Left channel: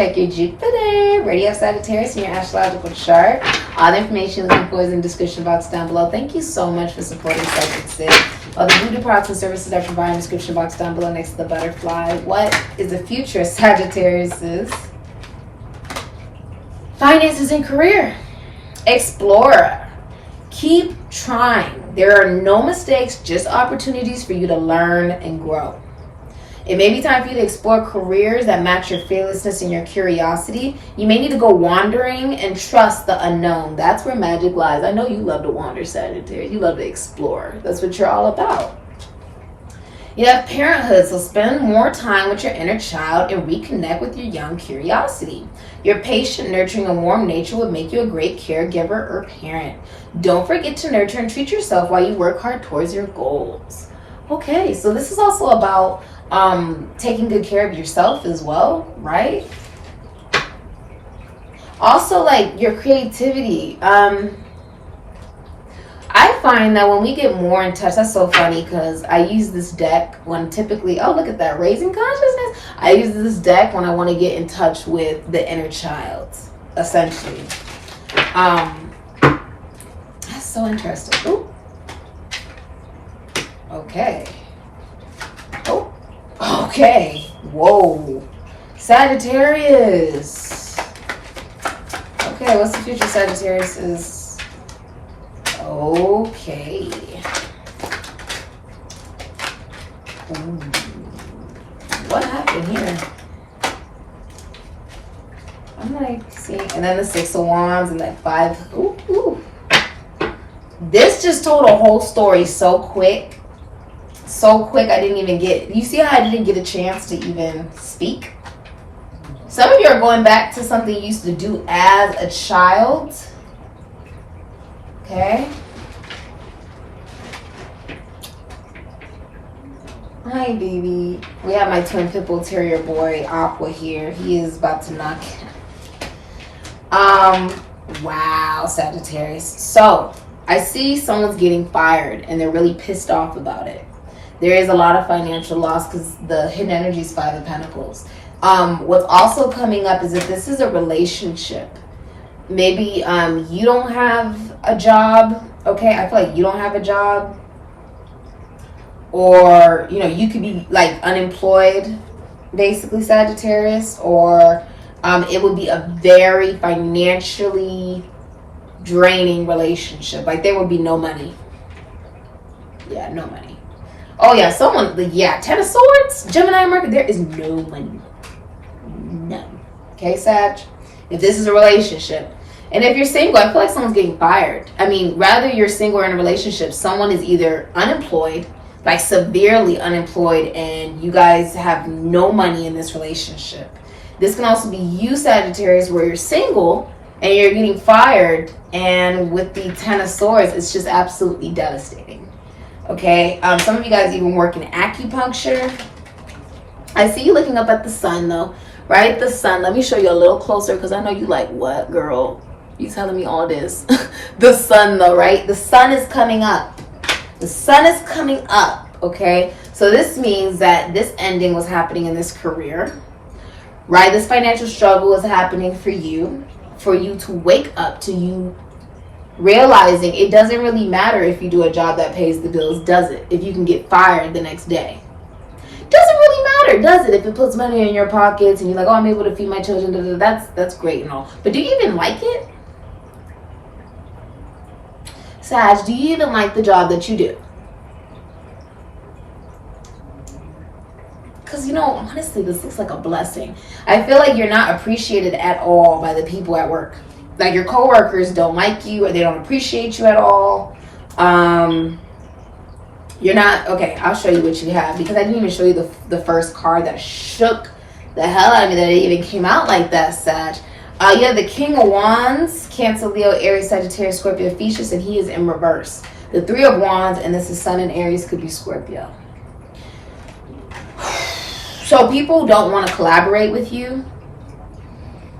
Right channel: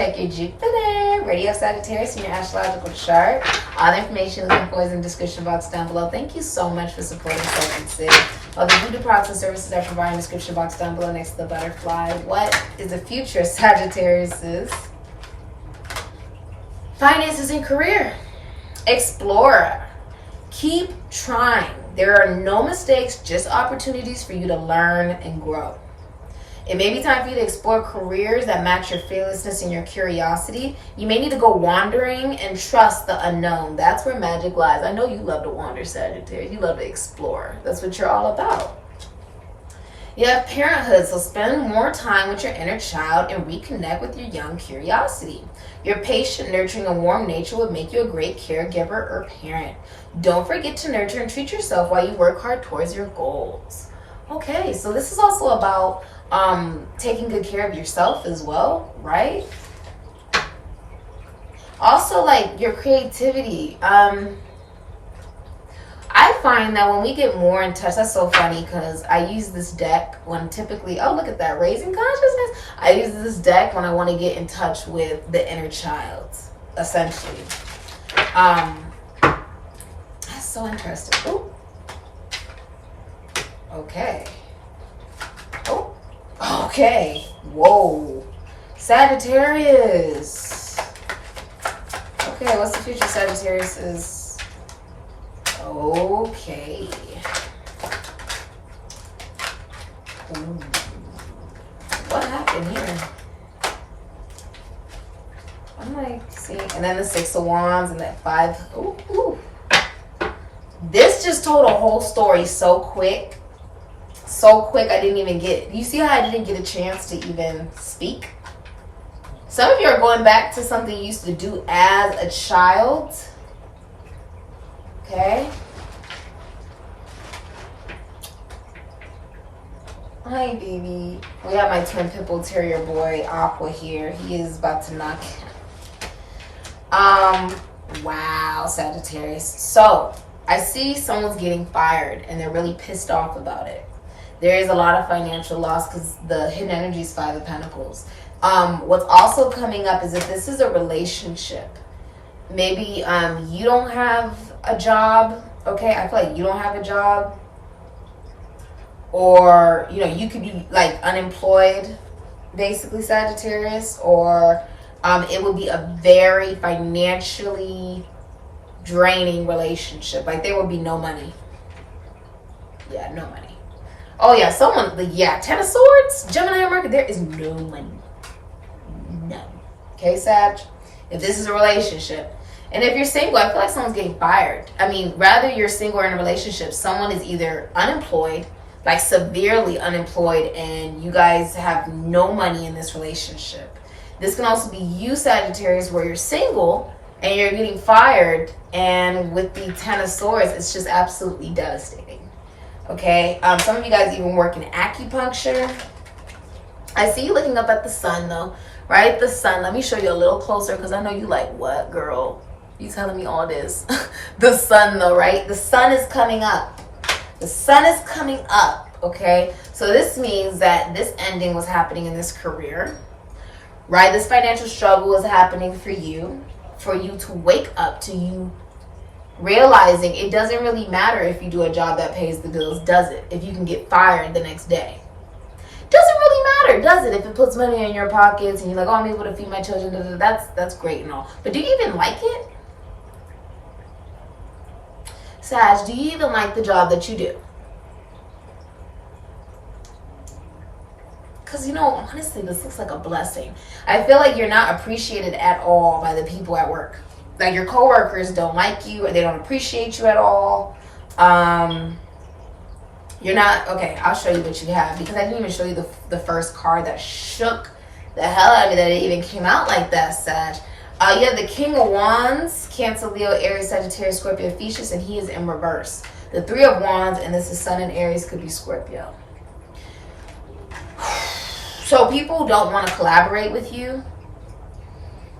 check your Jupiter, Radio Sagittarius, in your astrological chart. All the information is in the description box down below. Thank you so much for supporting Sikiksyd. All the VOODOO products and services are provided in the description box down below next to the butterfly. What is the future Sagittarius's finances and career? Explorer. Keep trying. There are no mistakes, just opportunities for you to learn and grow. It may be time for you to explore careers that match your fearlessness and your curiosity. You may need to go wandering and trust the unknown. That's where magic lies. I know you love to wander, Sagittarius. You love to explore. That's what you're all about. You have parenthood, so spend more time with your inner child and reconnect with your young curiosity. Your patient, nurturing, and warm nature will make you a great caregiver or parent. Don't forget to nurture and treat yourself while you work hard towards your goals. Okay, so this is also about taking good care of yourself as well, right? Also, like your creativity. I find that when we get more in touch, that's so funny because I use this deck when typically, oh, look at that, raising consciousness. I use this deck when I want to get in touch with the inner child, essentially. That's so interesting. Ooh. Okay. Oh, okay. Whoa. Sagittarius. Okay, what's the future Sagittarius? Okay. Ooh. What happened here? I'm like, see, and then the 6 of Wands and that 5. Ooh, ooh. This just told a whole story so quick. So quick, I didn't even get. You see how I didn't get a chance to even speak? Some of you are going back to something you used to do as a child. Okay. Hi, baby. We have my twin pit bull terrier boy, Aqua, here. He is about to knock. Wow, Sagittarius. So, I see someone's getting fired, and they're really pissed off about it. There is a lot of financial loss because the hidden energy is 5 of Pentacles. What's also coming up is that this is a relationship. Maybe you don't have a job. Okay, I feel like you don't have a job. Or, you know, you could be like unemployed, basically, Sagittarius. Or it would be a very financially draining relationship. Like there would be no money. Yeah, no money. Oh yeah, someone, yeah, 10 of Swords, Gemini Mercury, there is no money. None. Okay, Sag? If this is a relationship. And if you're single, I feel like someone's getting fired. I mean, rather you're single or in a relationship, someone is either unemployed, like severely unemployed, and you guys have no money in this relationship. This can also be you, Sagittarius, where you're single and you're getting fired, and with the 10 of Swords, it's just absolutely devastating. Okay, some of you guys even work in acupuncture. I see you looking up at the sun, though, right? The sun. Let me show you a little closer because I know you like, what, girl? You telling me all this? The sun, though, right? The sun is coming up. The sun is coming up, okay? So this means that this ending was happening in this career, right? This financial struggle is happening for you to wake up to you realizing it doesn't really matter if you do a job that pays the bills, does it? If you can get fired the next day. Doesn't really matter, does it? If it puts money in your pockets and you're like, oh, I'm able to feed my children, that's great and all. But do you even like it? Sag, do you even like the job that you do? Because, you know, honestly, this looks like a blessing. I feel like you're not appreciated at all by the people at work. Like your coworkers don't like you or they don't appreciate you at all. You're not, okay, I'll show you what you have because I didn't even show you the first card that shook the hell out of me that it even came out like that, Sag. You have the King of Wands, Cancer, Leo, Aries, Sagittarius, Scorpio, Thesis, and he is in reverse. The 3 of Wands, and this is Sun in Aries, could be Scorpio. So people don't want to collaborate with you.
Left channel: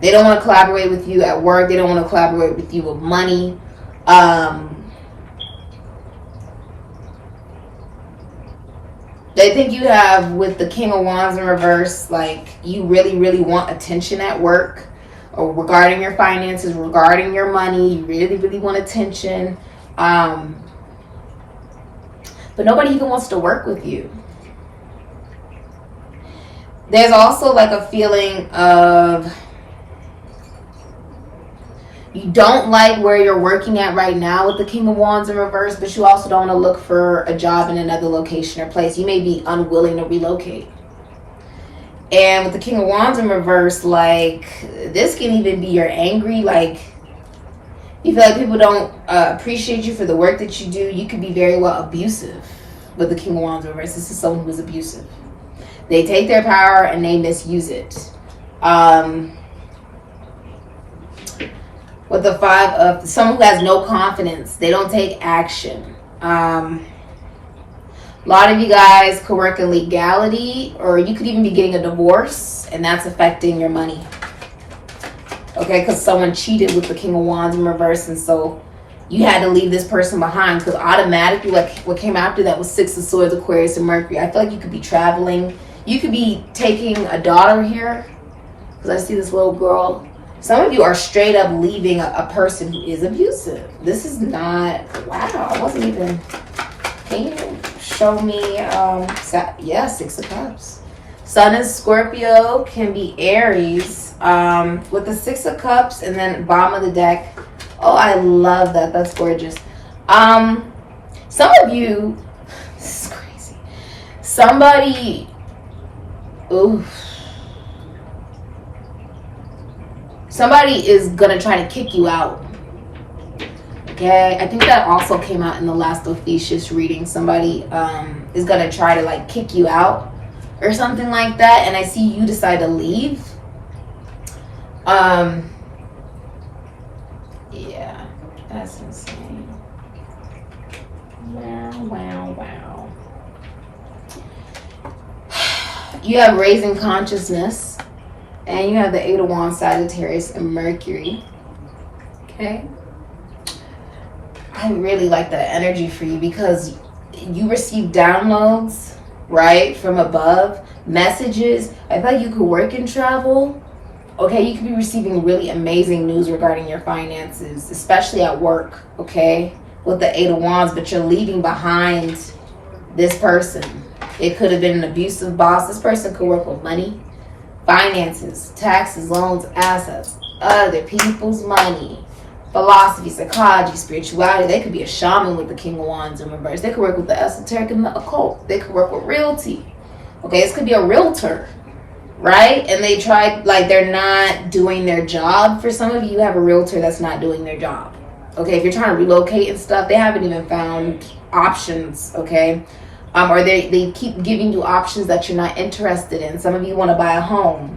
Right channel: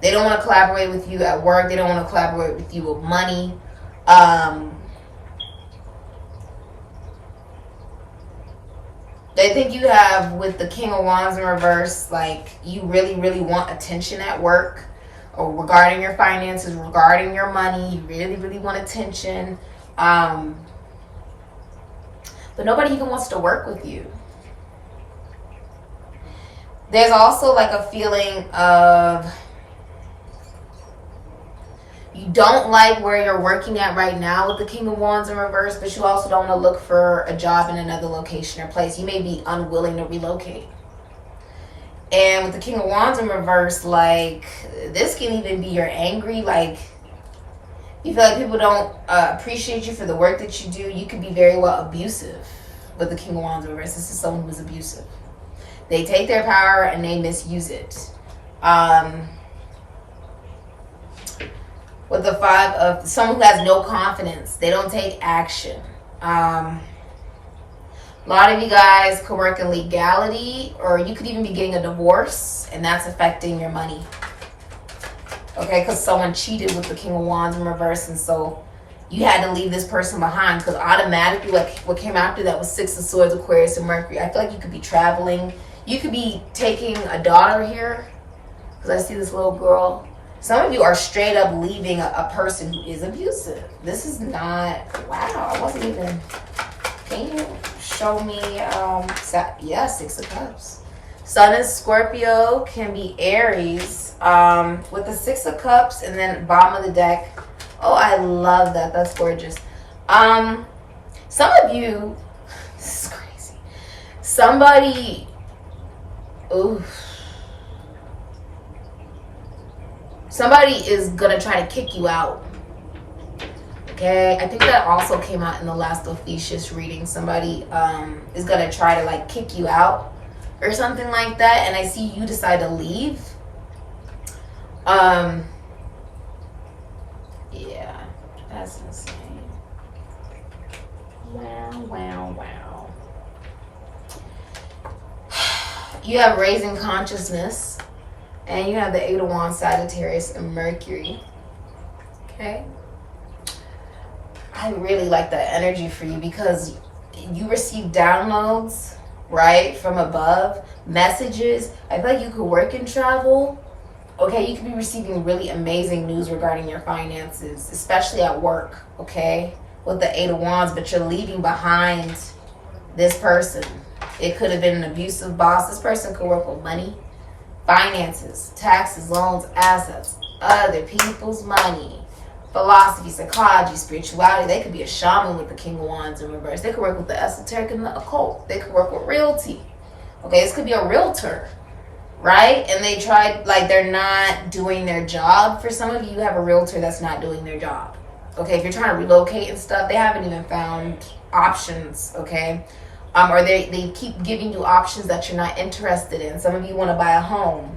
They don't want to collaborate with you at work. They don't want to collaborate with you with money. They think you have, with the King of Wands in reverse, like you really, really want attention at work or regarding your finances, regarding your money. You really, really want attention. But nobody even wants to work with you. There's also like a feeling of you don't like where you're working at right now with the King of Wands in reverse, but you also don't want to look for a job in another location or place. You may be unwilling to relocate. And with the King of Wands in reverse, like, this can even be you're angry. Like, you feel like people don't appreciate you for the work that you do. You could be very well abusive with the King of Wands in reverse. This is someone who's abusive. They take their power and they misuse it. With the Five of, someone who has no confidence, they don't take action. A lot of you guys could work in legality, or you could even be getting a divorce, and that's affecting your money. Okay, because someone cheated with the King of Wands in reverse, and so you had to leave this person behind, because automatically what came after that was Six of Swords, Aquarius, and Mercury. I feel like you could be traveling. You could be taking a daughter here, because I see this little girl. Some of you are straight up leaving a person who is abusive. This is not, wow, I wasn't even, can you show me, yeah, Six of Cups. Sun is Scorpio, can be Aries, with the Six of Cups and then bottom of the deck. Oh, I love that, that's gorgeous. Some of you, this is crazy. Somebody, ooh. Somebody is going to try to kick you out. Okay? I think that also came out in the last Ophiuchus reading. Somebody is going to try to like kick you out or something like that. And I see you decide to leave. Yeah. That's insane. Wow, wow, wow. You have raising consciousness. And you have the Eight of Wands, Sagittarius, and Mercury. Okay. I really like that energy for you because you receive downloads, right, from above, messages. I feel like you could work and travel. Okay, you could be receiving really amazing news regarding your finances, especially at work, okay, with the Eight of Wands, but you're leaving behind this person. It could have been an abusive boss. This person could work with money, finances, taxes, loans, assets, other people's money, philosophy, psychology, spirituality. They could be a shaman with the King of Wands in reverse. They could work with the esoteric and the occult. They could work with realty. Okay, this could be a realtor, right? And they tried, like, they're not doing their job. For some of you, you have a realtor that's not doing their job. Okay, if you're trying to relocate and stuff, they haven't even found options, okay? Or they keep giving you options that you're not interested in. Some of you want to buy a home.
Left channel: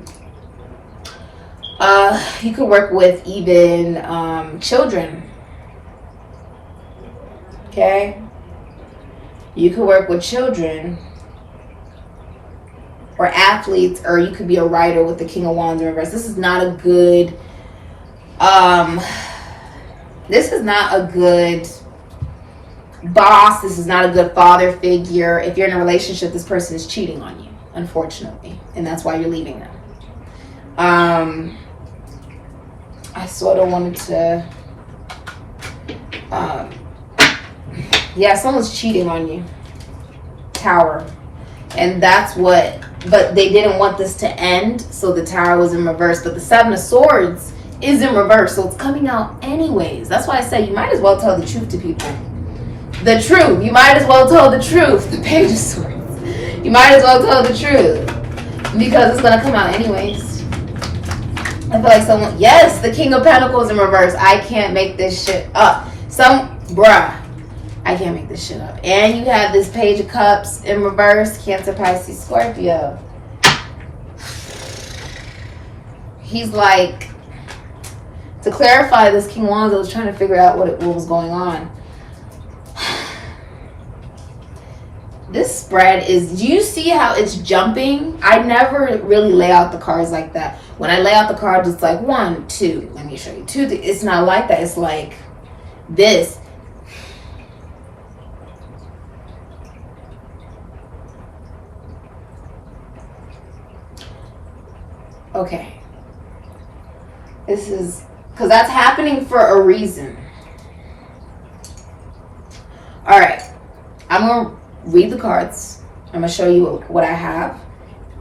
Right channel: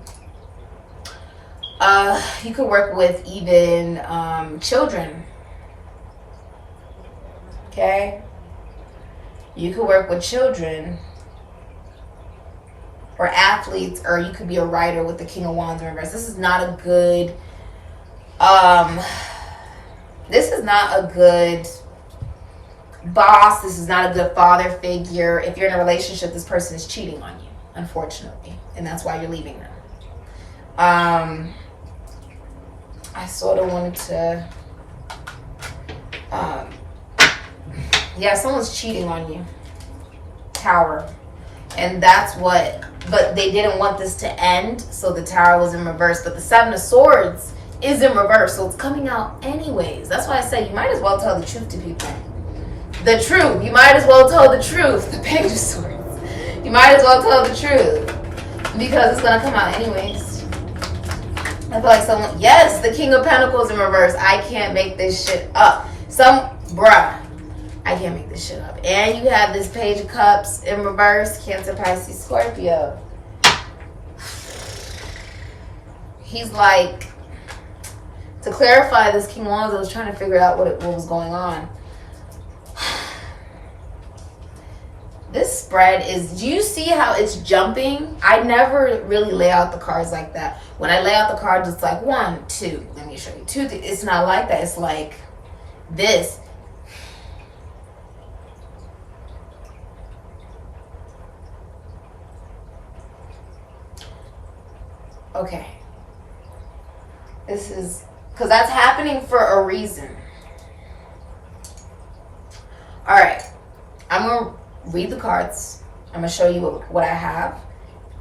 You could work with even children. Okay? You could work with children. Or athletes. Or you could be a writer with the King of Wands in reverse. This is not a good... this is not a good... boss. This is not a good father figure. If you're in a relationship, this person is cheating on you, unfortunately, and that's why you're leaving them. I sort of wanted to yeah, someone's cheating on you. Tower. And that's what, but they didn't want this to end, so the Tower was in reverse. But the Seven of Swords is in reverse, so it's coming out anyways. That's why I say you might as well tell the truth to people. The truth. You might as well tell the truth. The Page of Swords. You might as well tell the truth. Because it's going to come out anyways. I feel like someone... Yes, the King of Pentacles in reverse. I can't make this shit up. Bruh. I can't make this shit up. And you have this Page of Cups in reverse. Cancer, Pisces, Scorpio. He's like... To clarify this King of Wands, I was trying to figure out what was going on. This spread is, do you see how it's jumping? I never really lay out the cards like that. When I lay out the cards, it's like 1, 2. Let me show you. 2, 3. It's not like that. It's like this. Okay. This is, because that's happening for a reason. All right. I'm going to read the cards. I'm going to show you what I have.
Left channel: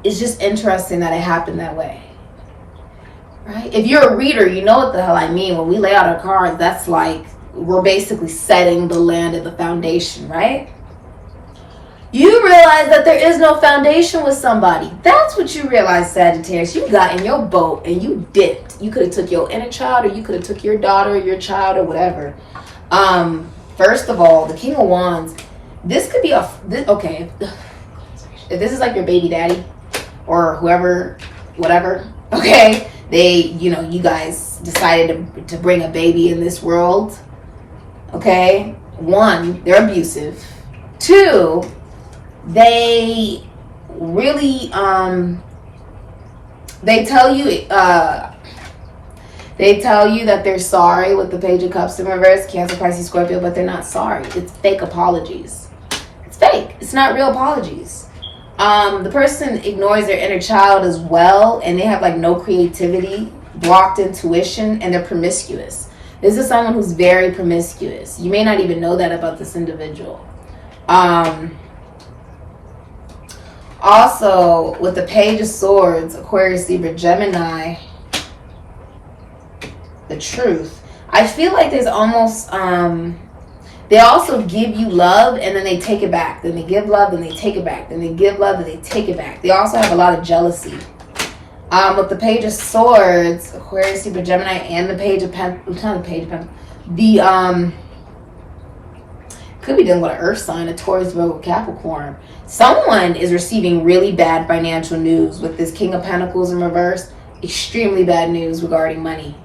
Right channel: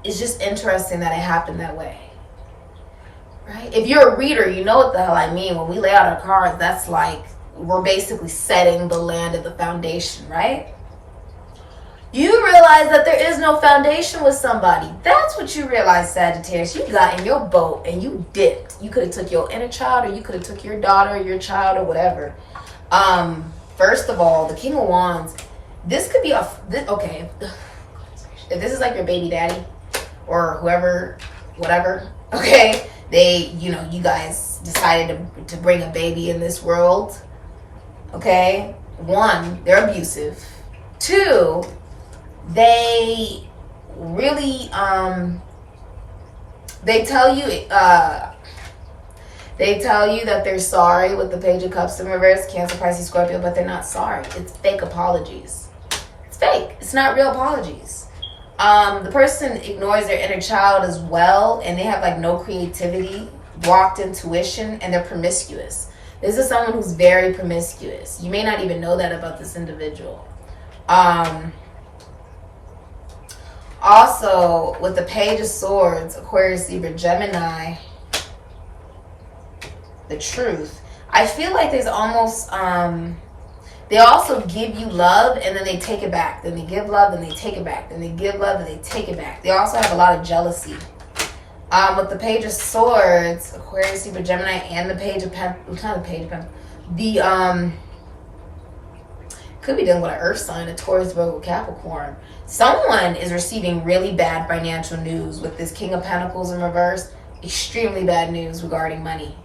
It's just interesting that it happened that way. Right? If you're a reader, you know what the hell I mean. When we lay out our cards, that's like we're basically setting the land at the foundation, right? You realize that there is no foundation with somebody. That's what you realize, Sagittarius. You got in your boat and you dipped. You could have took your inner child, or you could have took your daughter, or your child, or whatever. First of all, the King of Wands. This could be okay. If this is like your baby daddy or whoever, whatever, okay, you guys decided to bring a baby in this world, okay? 1, they're abusive. 2, they really, they tell you that they're sorry with the Page of Cups in reverse, Cancer, Pisces, Scorpio, but they're not sorry. It's fake apologies. It's fake. It's not real apologies. The person ignores their inner child as well, and they have like no creativity, blocked intuition, and they're promiscuous. This is someone who's very promiscuous. You may not even know that about this individual. Also, with the Page of Swords, Aquarius, Libra, Gemini, the Truth, I feel like there's almost they also give you love and then they take it back. Then they give love and they take it back. Then they give love and they take it back. They also have a lot of jealousy. With the Page of Swords, Aquarius, Libra, Gemini, and the Page of Pentacles, not the Page of Pentacles, could be dealing with an Earth sign, a Taurus, Virgo, Capricorn. Someone is receiving really bad financial news with this King of Pentacles in reverse. Extremely bad news regarding money.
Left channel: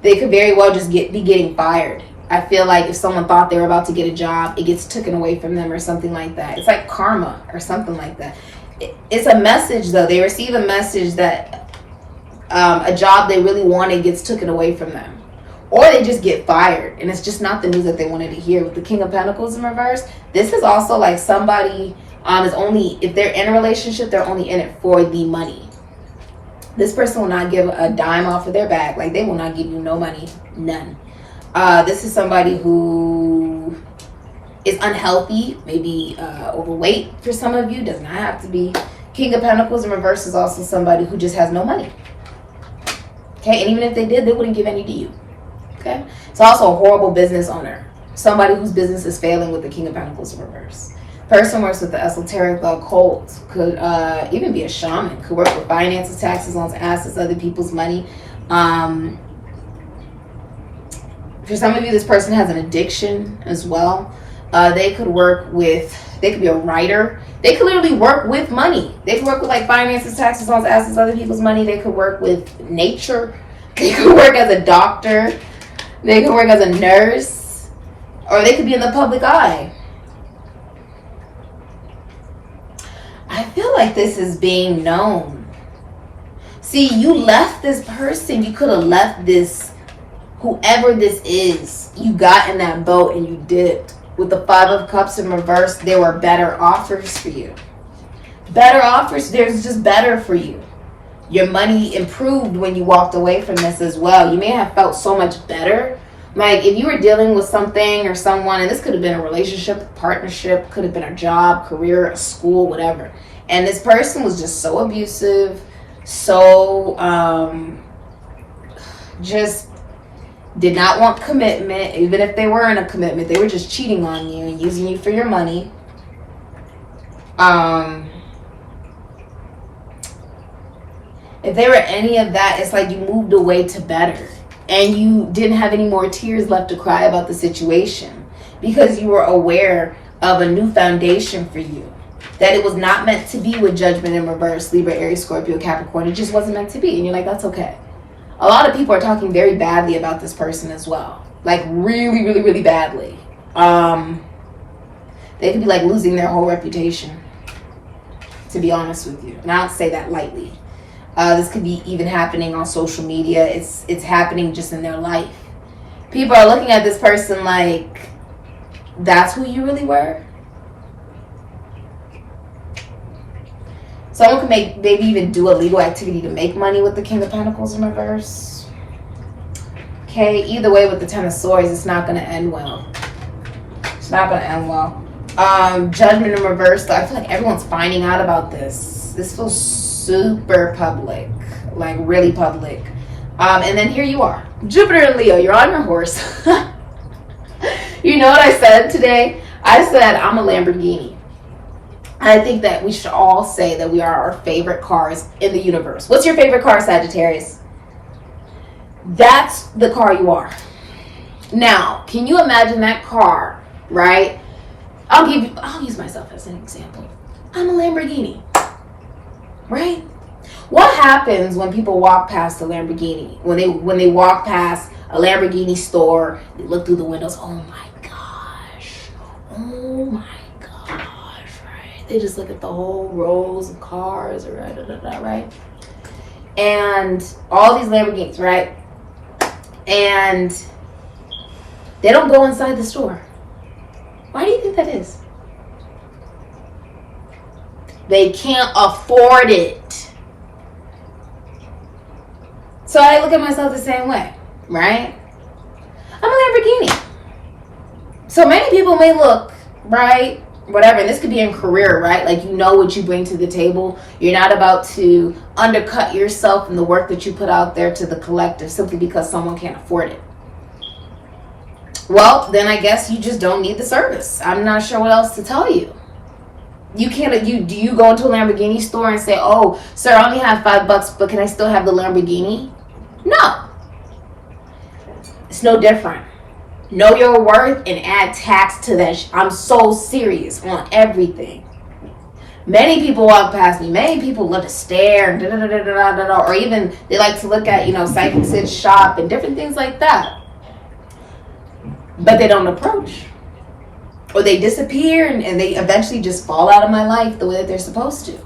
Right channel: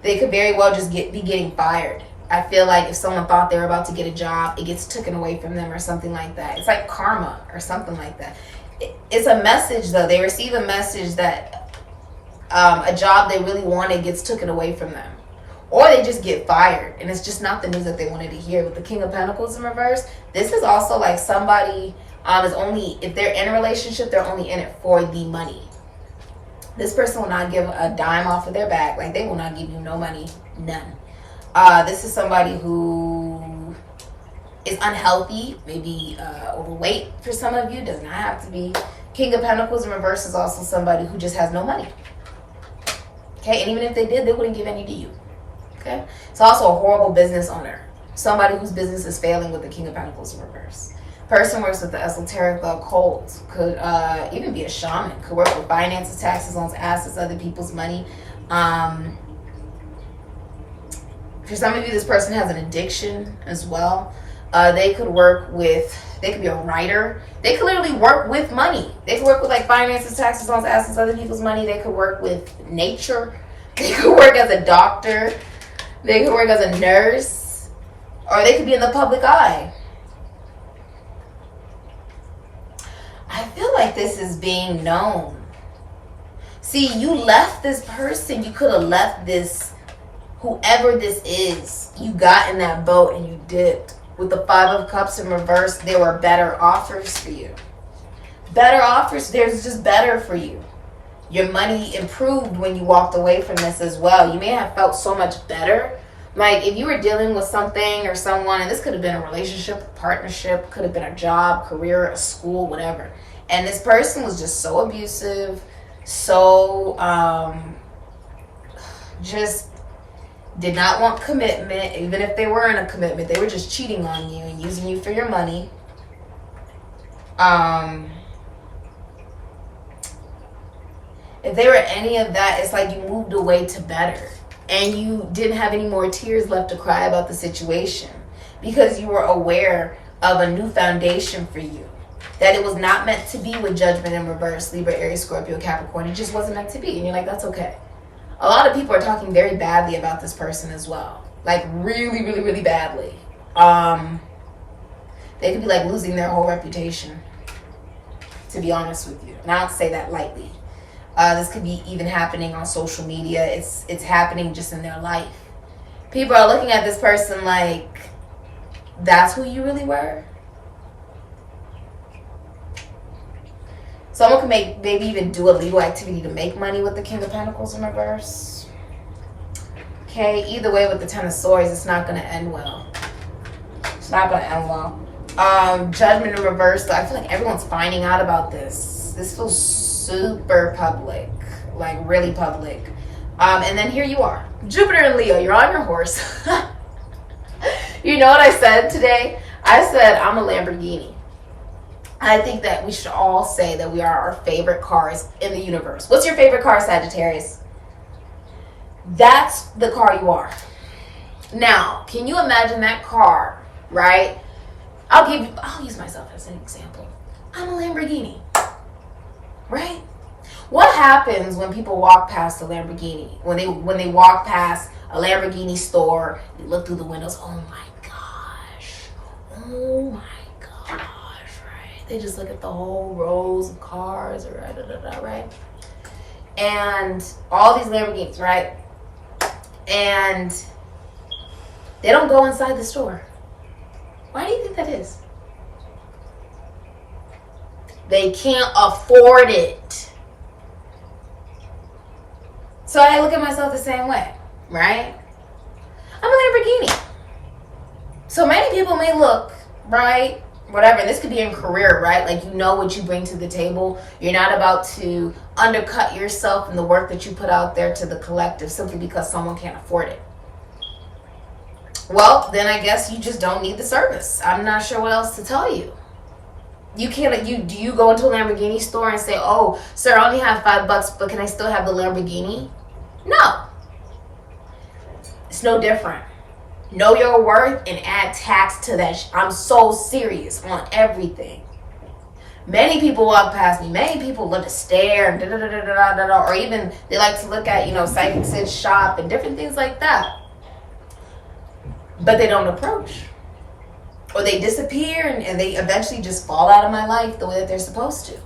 They could very well just be getting fired. I feel like if someone thought they were about to get a job, it gets taken away from them or something like that. It's like karma or something like that. It's a message, though. They receive a message that a job they really wanted gets taken away from them. Or they just get fired. And it's just not the news that they wanted to hear. With the King of Pentacles in reverse, this is also like somebody is only, if they're in a relationship, they're only in it for the money. This person will not give a dime off of their bag. Like, they will not give you no money. None. This is somebody who is unhealthy, maybe overweight for some of you. Does not have to be. King of Pentacles in reverse is also somebody who just has no money. Okay, and even if they did, they wouldn't give any to you. Okay, it's also a horrible business owner. Somebody whose business is failing with the King of Pentacles in reverse. Person works with the esoteric, the occult, could even be a shaman, could work with finances, taxes, loans, assets, other people's money. For some of you, this person has an addiction as well. They could be a writer. They could literally work with money. They could work with like finances, taxes, loans, assets, other people's money. They could work with nature. They could work as a doctor. They could work as a nurse. Or they could be in the public eye. I feel like this is being known. See, you left this person. You could have left this, whoever this is. You got in that boat and you dipped. With the 5 of Cups in reverse, there were better offers for you. Better offers. There's just better for you. Your money improved when you walked away from this as well. You may have felt so much better. Like, if you were dealing with something or someone, and this could have been a relationship, a partnership, could have been a job, career, a school, whatever. And this person was just so abusive, so just did not want commitment. Even if they were in a commitment, they were just cheating on you and using you for your money. If they were any of that, it's like you moved away to better. And you didn't have any more tears left to cry about the situation. Because you were aware of a new foundation for you. That it was not meant to be with Judgment in reverse, Libra, Aries, Scorpio, Capricorn. It just wasn't meant to be. And you're like, that's okay. A lot of people are talking very badly about this person as well. Like, really, really, really badly. They could be like losing their whole reputation. To be honest with you. And I don't say that lightly. This could be even happening on social media. It's happening just in their life. People are looking at this person like, that's who you really were? Someone can maybe even do a legal activity to make money with the King of Pentacles in reverse. Okay, either way with the Ten of Swords, it's not going to end well. It's not going to end well. Judgment in reverse, though, I feel like everyone's finding out about this. This feels super public, like really public. And then here you are, Jupiter and Leo, you're on your horse. You know what I said today? I said I'm a Lamborghini. I think that we should all say that we are our favorite cars in the universe. What's your favorite car, Sagittarius? That's the car you are. Now, can you imagine that car, right? I'll use myself as an example. I'm a Lamborghini, right? What happens when people walk past a Lamborghini? When they walk past a Lamborghini store, they look through the windows, oh my gosh, right? They just look at the whole rows of cars, right? And all these Lamborghinis, right? And they don't go inside the store. Why do you think that is? They can't afford it. So I look at myself the same way, right? I'm a Lamborghini. So many people may look, right, whatever, and this could be in career, right? Like, you know what you bring to the table. You're not about to undercut yourself and the work that you put out there to the collective simply because someone can't afford it. Well, then I guess you just don't need the service. I'm not sure what else to tell you. Do you go into a Lamborghini store and say, oh, sir, I only have $5, but can I still have the Lamborghini? No. It's no different. Know your worth and add tax to that. I'm so serious on everything. Many people walk past me. Many people love to stare, or even they like to look at, Sikiksyd shop and different things like that. But they don't approach. Or they disappear and they eventually just fall out of my life the way that they're supposed to.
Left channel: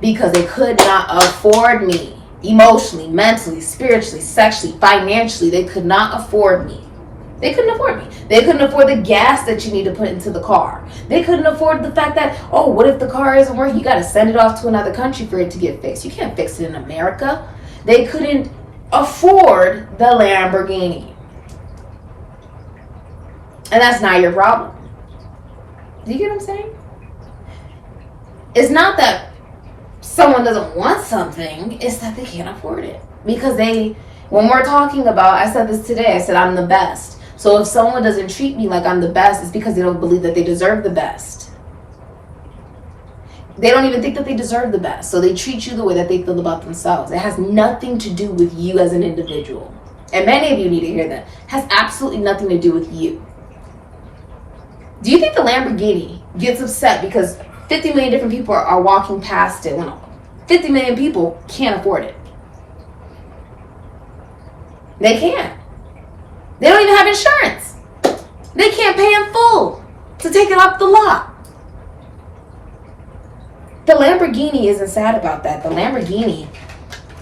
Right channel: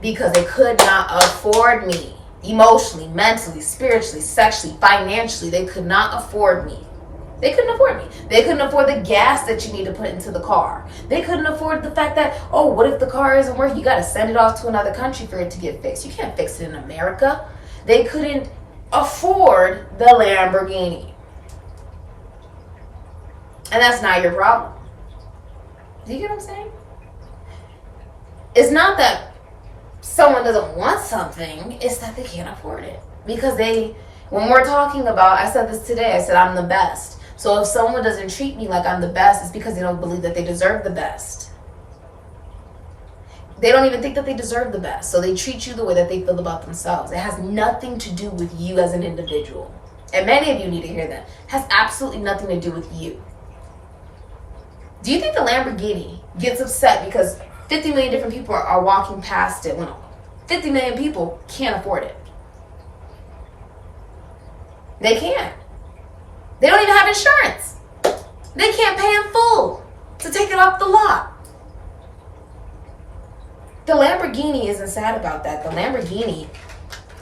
Because they could not afford me. Emotionally, mentally, spiritually, sexually, financially, they could not afford me. They couldn't afford me. They couldn't afford the gas that you need to put into the car. They couldn't afford the fact that, oh, what if the car isn't working? You got to send it off to another country for it to get fixed. You can't fix it in America. They couldn't afford the Lamborghini. And that's not your problem. Do you get what I'm saying? It's not that someone doesn't want something, it's that they can't afford it. Because when we're talking about, I said this today, I said I'm the best. So if someone doesn't treat me like I'm the best, it's because they don't believe that they deserve the best. They don't even think that they deserve the best. So they treat you the way that they feel about themselves. It has nothing to do with you as an individual. And many of you need to hear that. It has absolutely nothing to do with you. Do you think the Lamborghini gets upset because 50 million different people are walking past it when 50 million people can't afford it? They can't. They don't even have insurance. They can't pay in full to take it off the lot. The Lamborghini isn't sad about that. The Lamborghini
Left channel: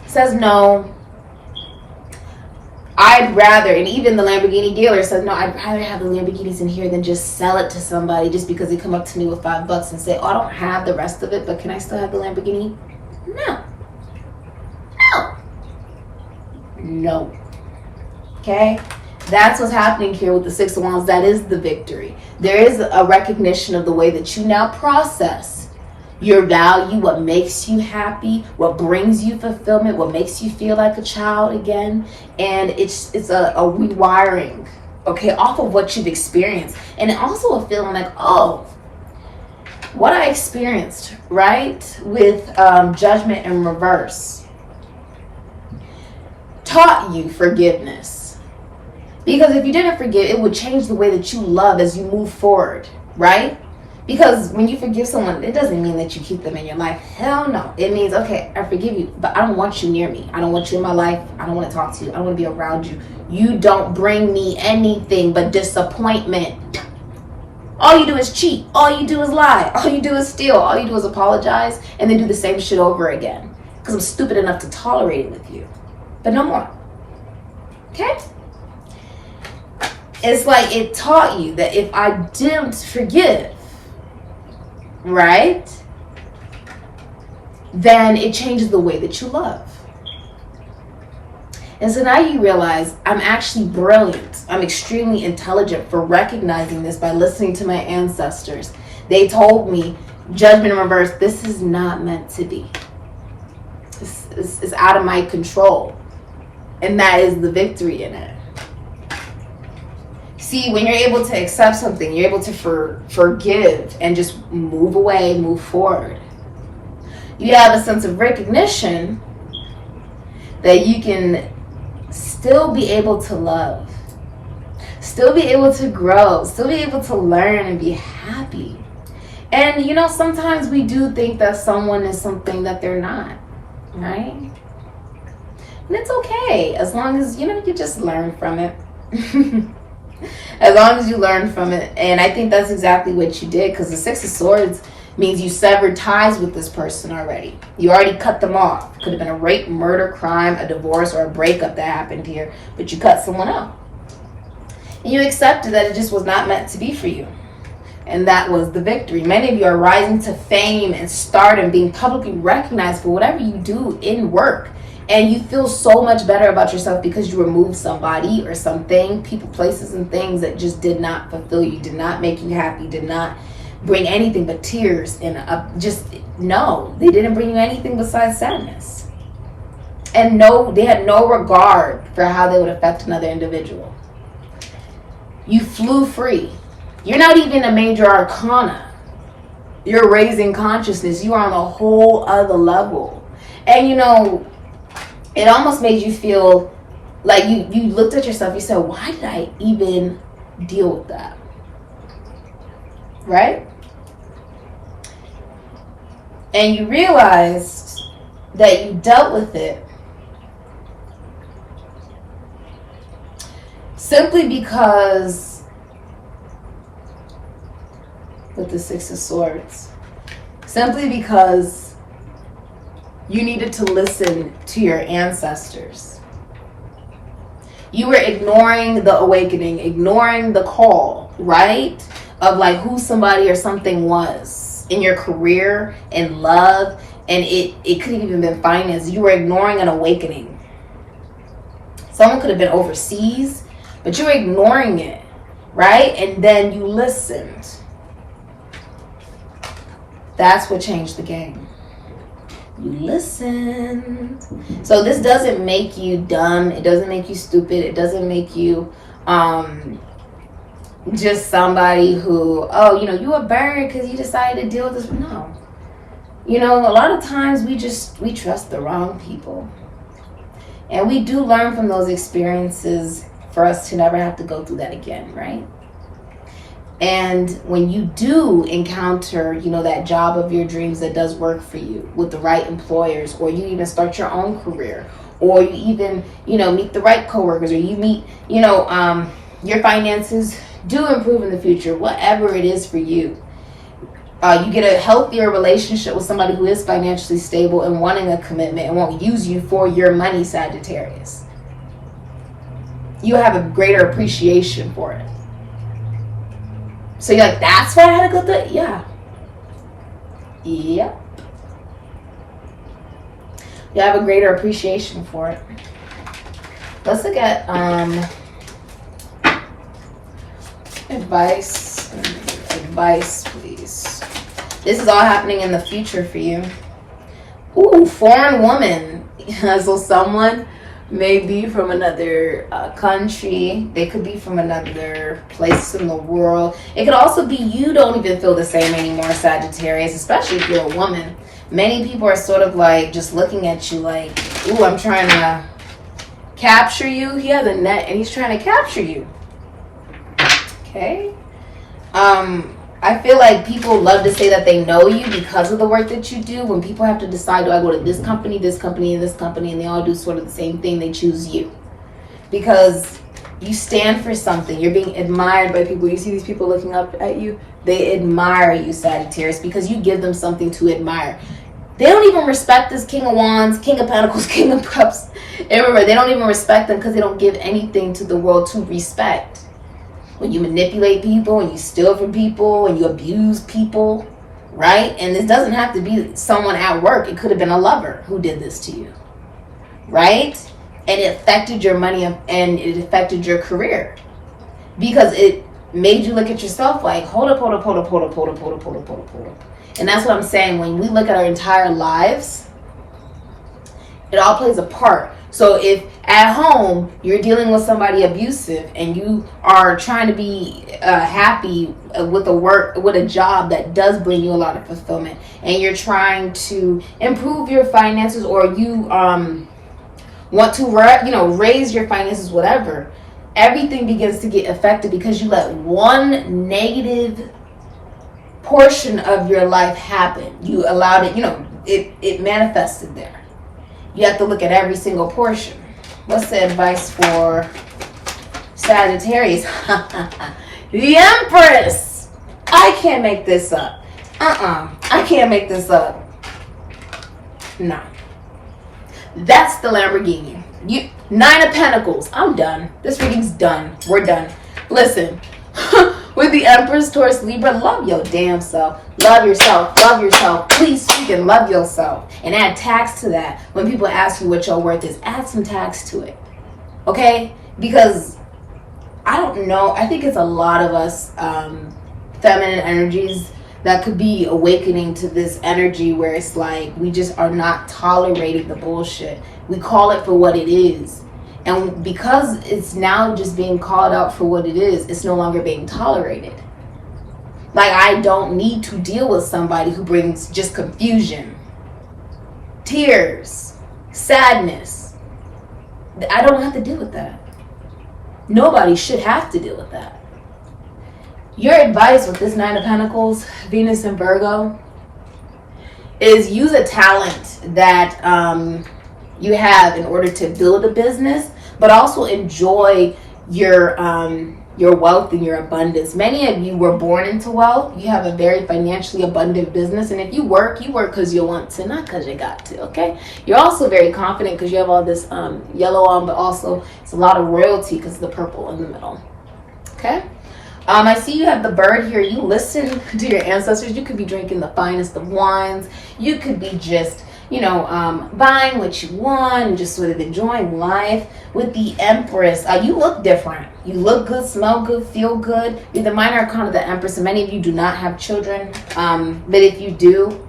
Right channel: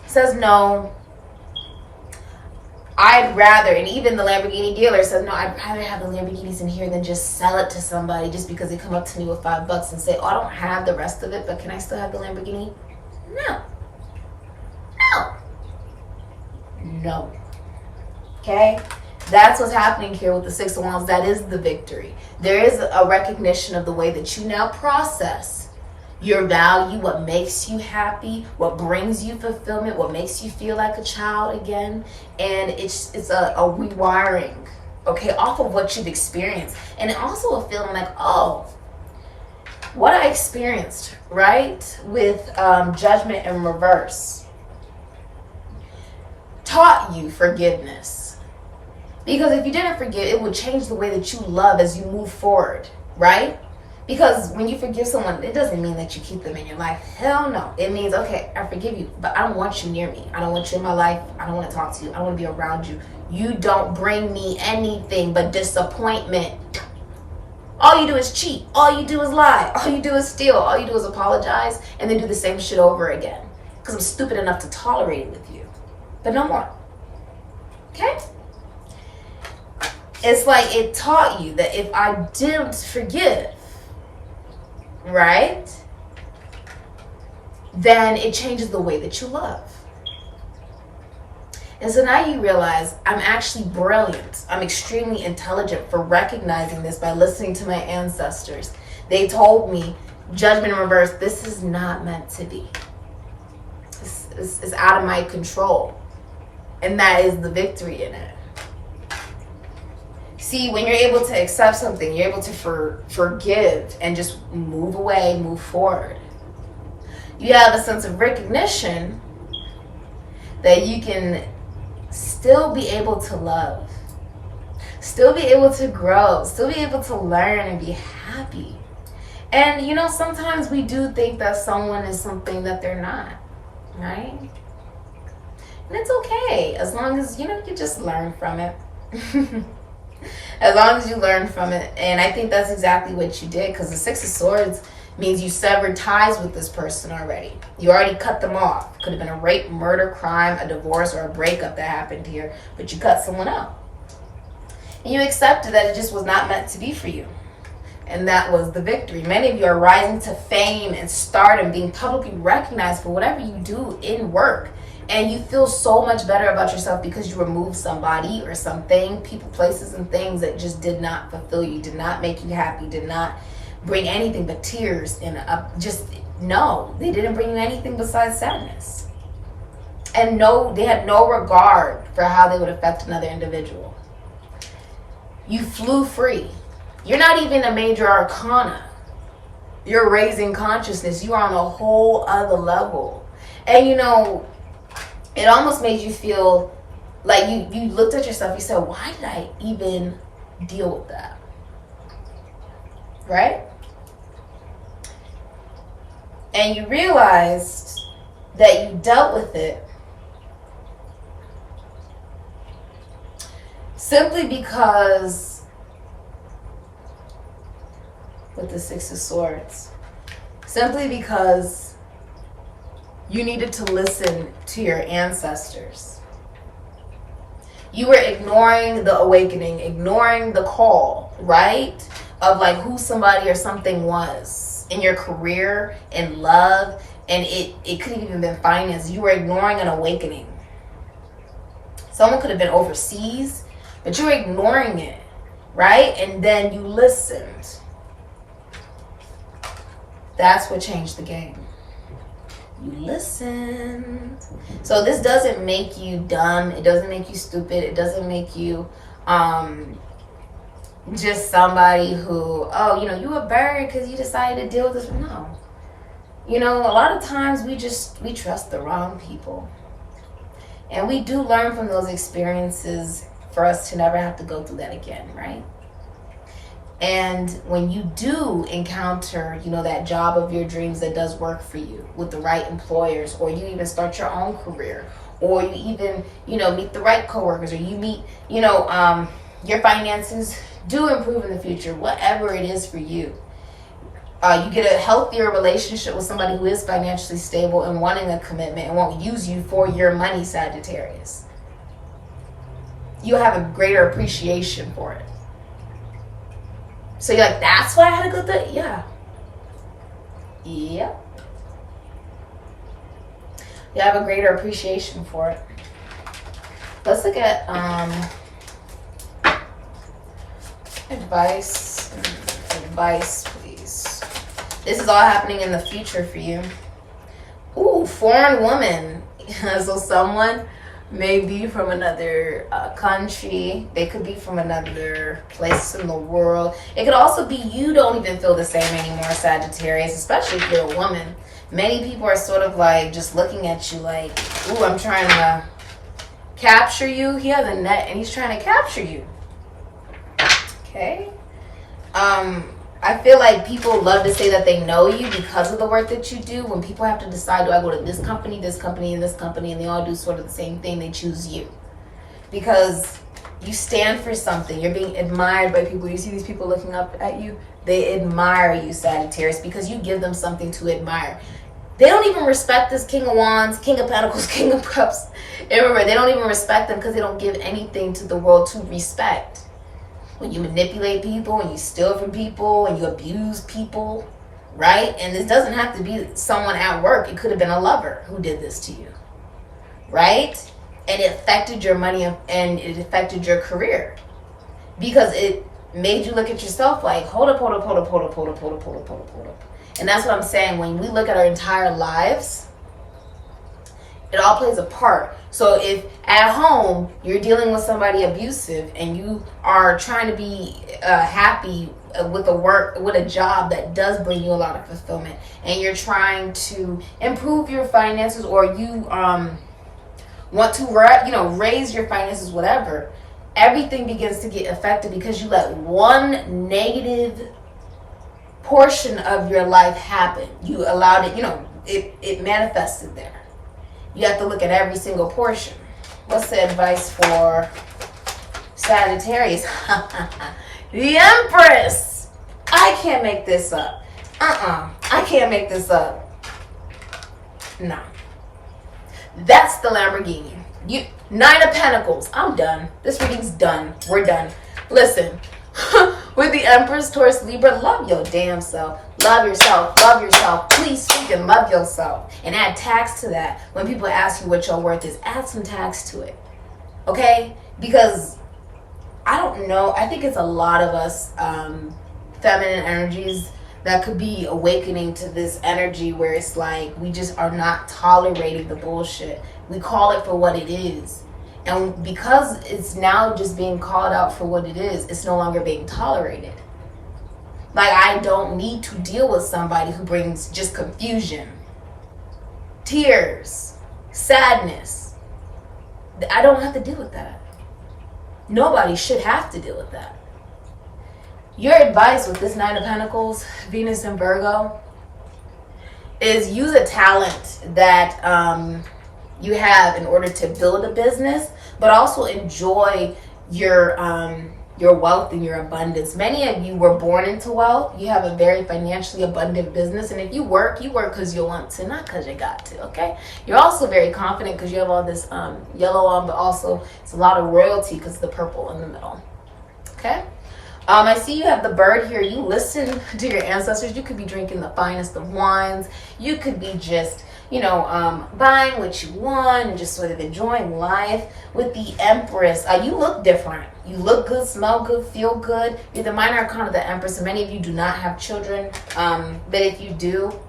says, no, I'd rather, and even the Lamborghini dealer says, no, I'd rather have the Lamborghinis in here than just sell it to somebody just because they come up to me with $5 and say, oh, I don't have the rest of it, but can I still have the Lamborghini? No. Okay? That's what's happening here with the Six of Wands. That is the victory. There is a recognition of the way that you now process your value, what makes you happy, what brings you fulfillment, what makes you feel like a child again. And it's a rewiring, okay, off of what you've experienced. And also a feeling like, oh, what I experienced, right, with judgment in reverse taught you forgiveness. Because if you didn't forgive, it would change the way that you love as you move forward, right? Because when you forgive someone, it doesn't mean that you keep them in your life. Hell no. It means, okay, I forgive you, but I don't want you near me. I don't want you in my life. I don't want to talk to you. I don't want to be around you. You don't bring me anything but disappointment. All you do is cheat. All you do is lie. All you do is steal. All you do is apologize and then do the same shit over again. Because I'm stupid enough to tolerate it with you. But no more. Okay? It's like it taught you that if I didn't forgive, right, then it changes the way that you love. And so now you realize I'm actually brilliant. I'm extremely intelligent for recognizing this by listening to my ancestors. They told me, judgment in reverse, this is not meant to be. It's out of my control. And that is the victory in it. See, when you're able to accept something, you're able to forgive and just move away, move forward. You have a sense of recognition that you can still be able to love, still be able to grow, still be able to learn and be happy. And you know, sometimes we do think that someone is something that they're not, right? And it's okay, as long as, you know, you just learn from it. As long as you learn from it. And I think that's exactly what you did, because the Six of Swords means you severed ties with this person already. You already cut them off. Could have been a rape, murder, crime, a divorce, or a breakup that happened here, but you cut someone out. And you accepted that it just was not meant to be for you. And that was the victory. Many of you are rising to fame and stardom, being publicly recognized for whatever you do in work. And you feel so much better about yourself because you removed somebody or something, people, places, and things that just did not fulfill you, did not make you happy, did not bring anything but tears and no, they didn't bring you anything besides sadness. And no, they had no regard for how they would affect another individual. You flew free. You're not even a major arcana. You're raising consciousness. You are on a whole other level. And you know, it almost made you feel like you looked at yourself, you said, why did I even deal with that? Right? And you realized that you dealt with it simply because, with the Six of Swords, simply because you needed to listen to your ancestors. You were ignoring the awakening, ignoring the call, right? Of like who somebody or something was in your career, in love, and it could have even been finance. You were ignoring an awakening. Someone could have been overseas, but you were ignoring it, right? And then you listened. That's what changed the game. You listened. So this doesn't make you dumb. It doesn't make you stupid. It doesn't make you just somebody who, oh, you know, you were burned because you decided to deal with this. No. You know, a lot of times we trust the wrong people. And we do learn from those experiences for us to never have to go through that again, right? And when you do encounter, you know, that job of your dreams that does work for you with the right employers, or you even start your own career, or you even, you know, meet the right coworkers, or you meet, you know, your finances do improve in the future, whatever it is for you. You get a healthier relationship with somebody who is financially stable and wanting a commitment and won't use you for your money, Sagittarius. You have a greater appreciation for it. So you're like, that's why I had to go through it? Yeah. Yep. You have a greater appreciation for it. Let's look at advice. Advice, please. This is all happening in the future for you. Ooh, foreign woman. So someone may be from another country. They could be from another place in the world. It could also be you don't even feel the same anymore, Sagittarius, especially if you're a woman. Many people are sort of like just looking at you like, ooh, I'm trying to capture you. He has a net and he's trying to capture you. Okay. I feel like people love to say that they know you because of the work that you do. When people have to decide, do I go to this company, and this company, and they all do sort of the same thing, they choose you. Because you stand for something. You're being admired by people. You see these people looking up at you. They admire you, Sagittarius, because you give them something to admire. They don't even respect this King of Wands, King of Pentacles, King of Cups. And remember, they don't even respect them because they don't give anything to the world to respect. When you manipulate people, when you steal from people, when you abuse people, right? And this doesn't have to be someone at work. It could have been a lover who did this to you, right? And it affected your money and it affected your career because it made you look at yourself like, hold up. And that's what I'm saying. When we look at our entire lives, it all plays a part. So if at home you're dealing with somebody abusive and you are trying to be happy with a job that does bring you a lot of fulfillment, and you're trying to improve your finances, or you want to raise your finances, whatever, everything begins to get affected because you let one negative portion of your life happen. You allowed it, it manifested there. You have to look at every single portion. What's the advice for Sagittarius? The Empress. I can't make this up. I can't make this up. No. That's the Lamborghini. 9 of Pentacles. I'm done. This reading's done. We're done. Listen. With the Empress, Taurus, Libra, love your damn self. Love yourself. Love yourself. Please freaking love yourself. And add tax to that. When people ask you what your worth is, add some tax to it. Okay? Because I don't know. I think it's a lot of us feminine energies that could be awakening to this energy where it's like we just are not tolerating the bullshit. We call it for what it is. And because it's now just being called out for what it is, it's no longer being tolerated. Like, I don't need to deal with somebody who brings just confusion, tears, sadness. I don't have to deal with that. Nobody should have to deal with that. Your advice with this 9 of Pentacles, Venus and Virgo, is use a talent that you have in order to build a business, but also enjoy your wealth and your abundance. Many of you were born into wealth. You have a very financially abundant business, and if you work because you want to, not because you got to, okay? You're also very confident because you have all this yellow on, but also it's a lot of royalty because of the purple in the middle, okay? I see you have the bird here. You listen to your ancestors. You could be drinking the finest of wines. You could be just buying what you want and just sort of enjoying life. With the Empress, you look different. You look good, smell good, feel good. You're the minor arcana of the Empress, and many of you do not have children. But if you do,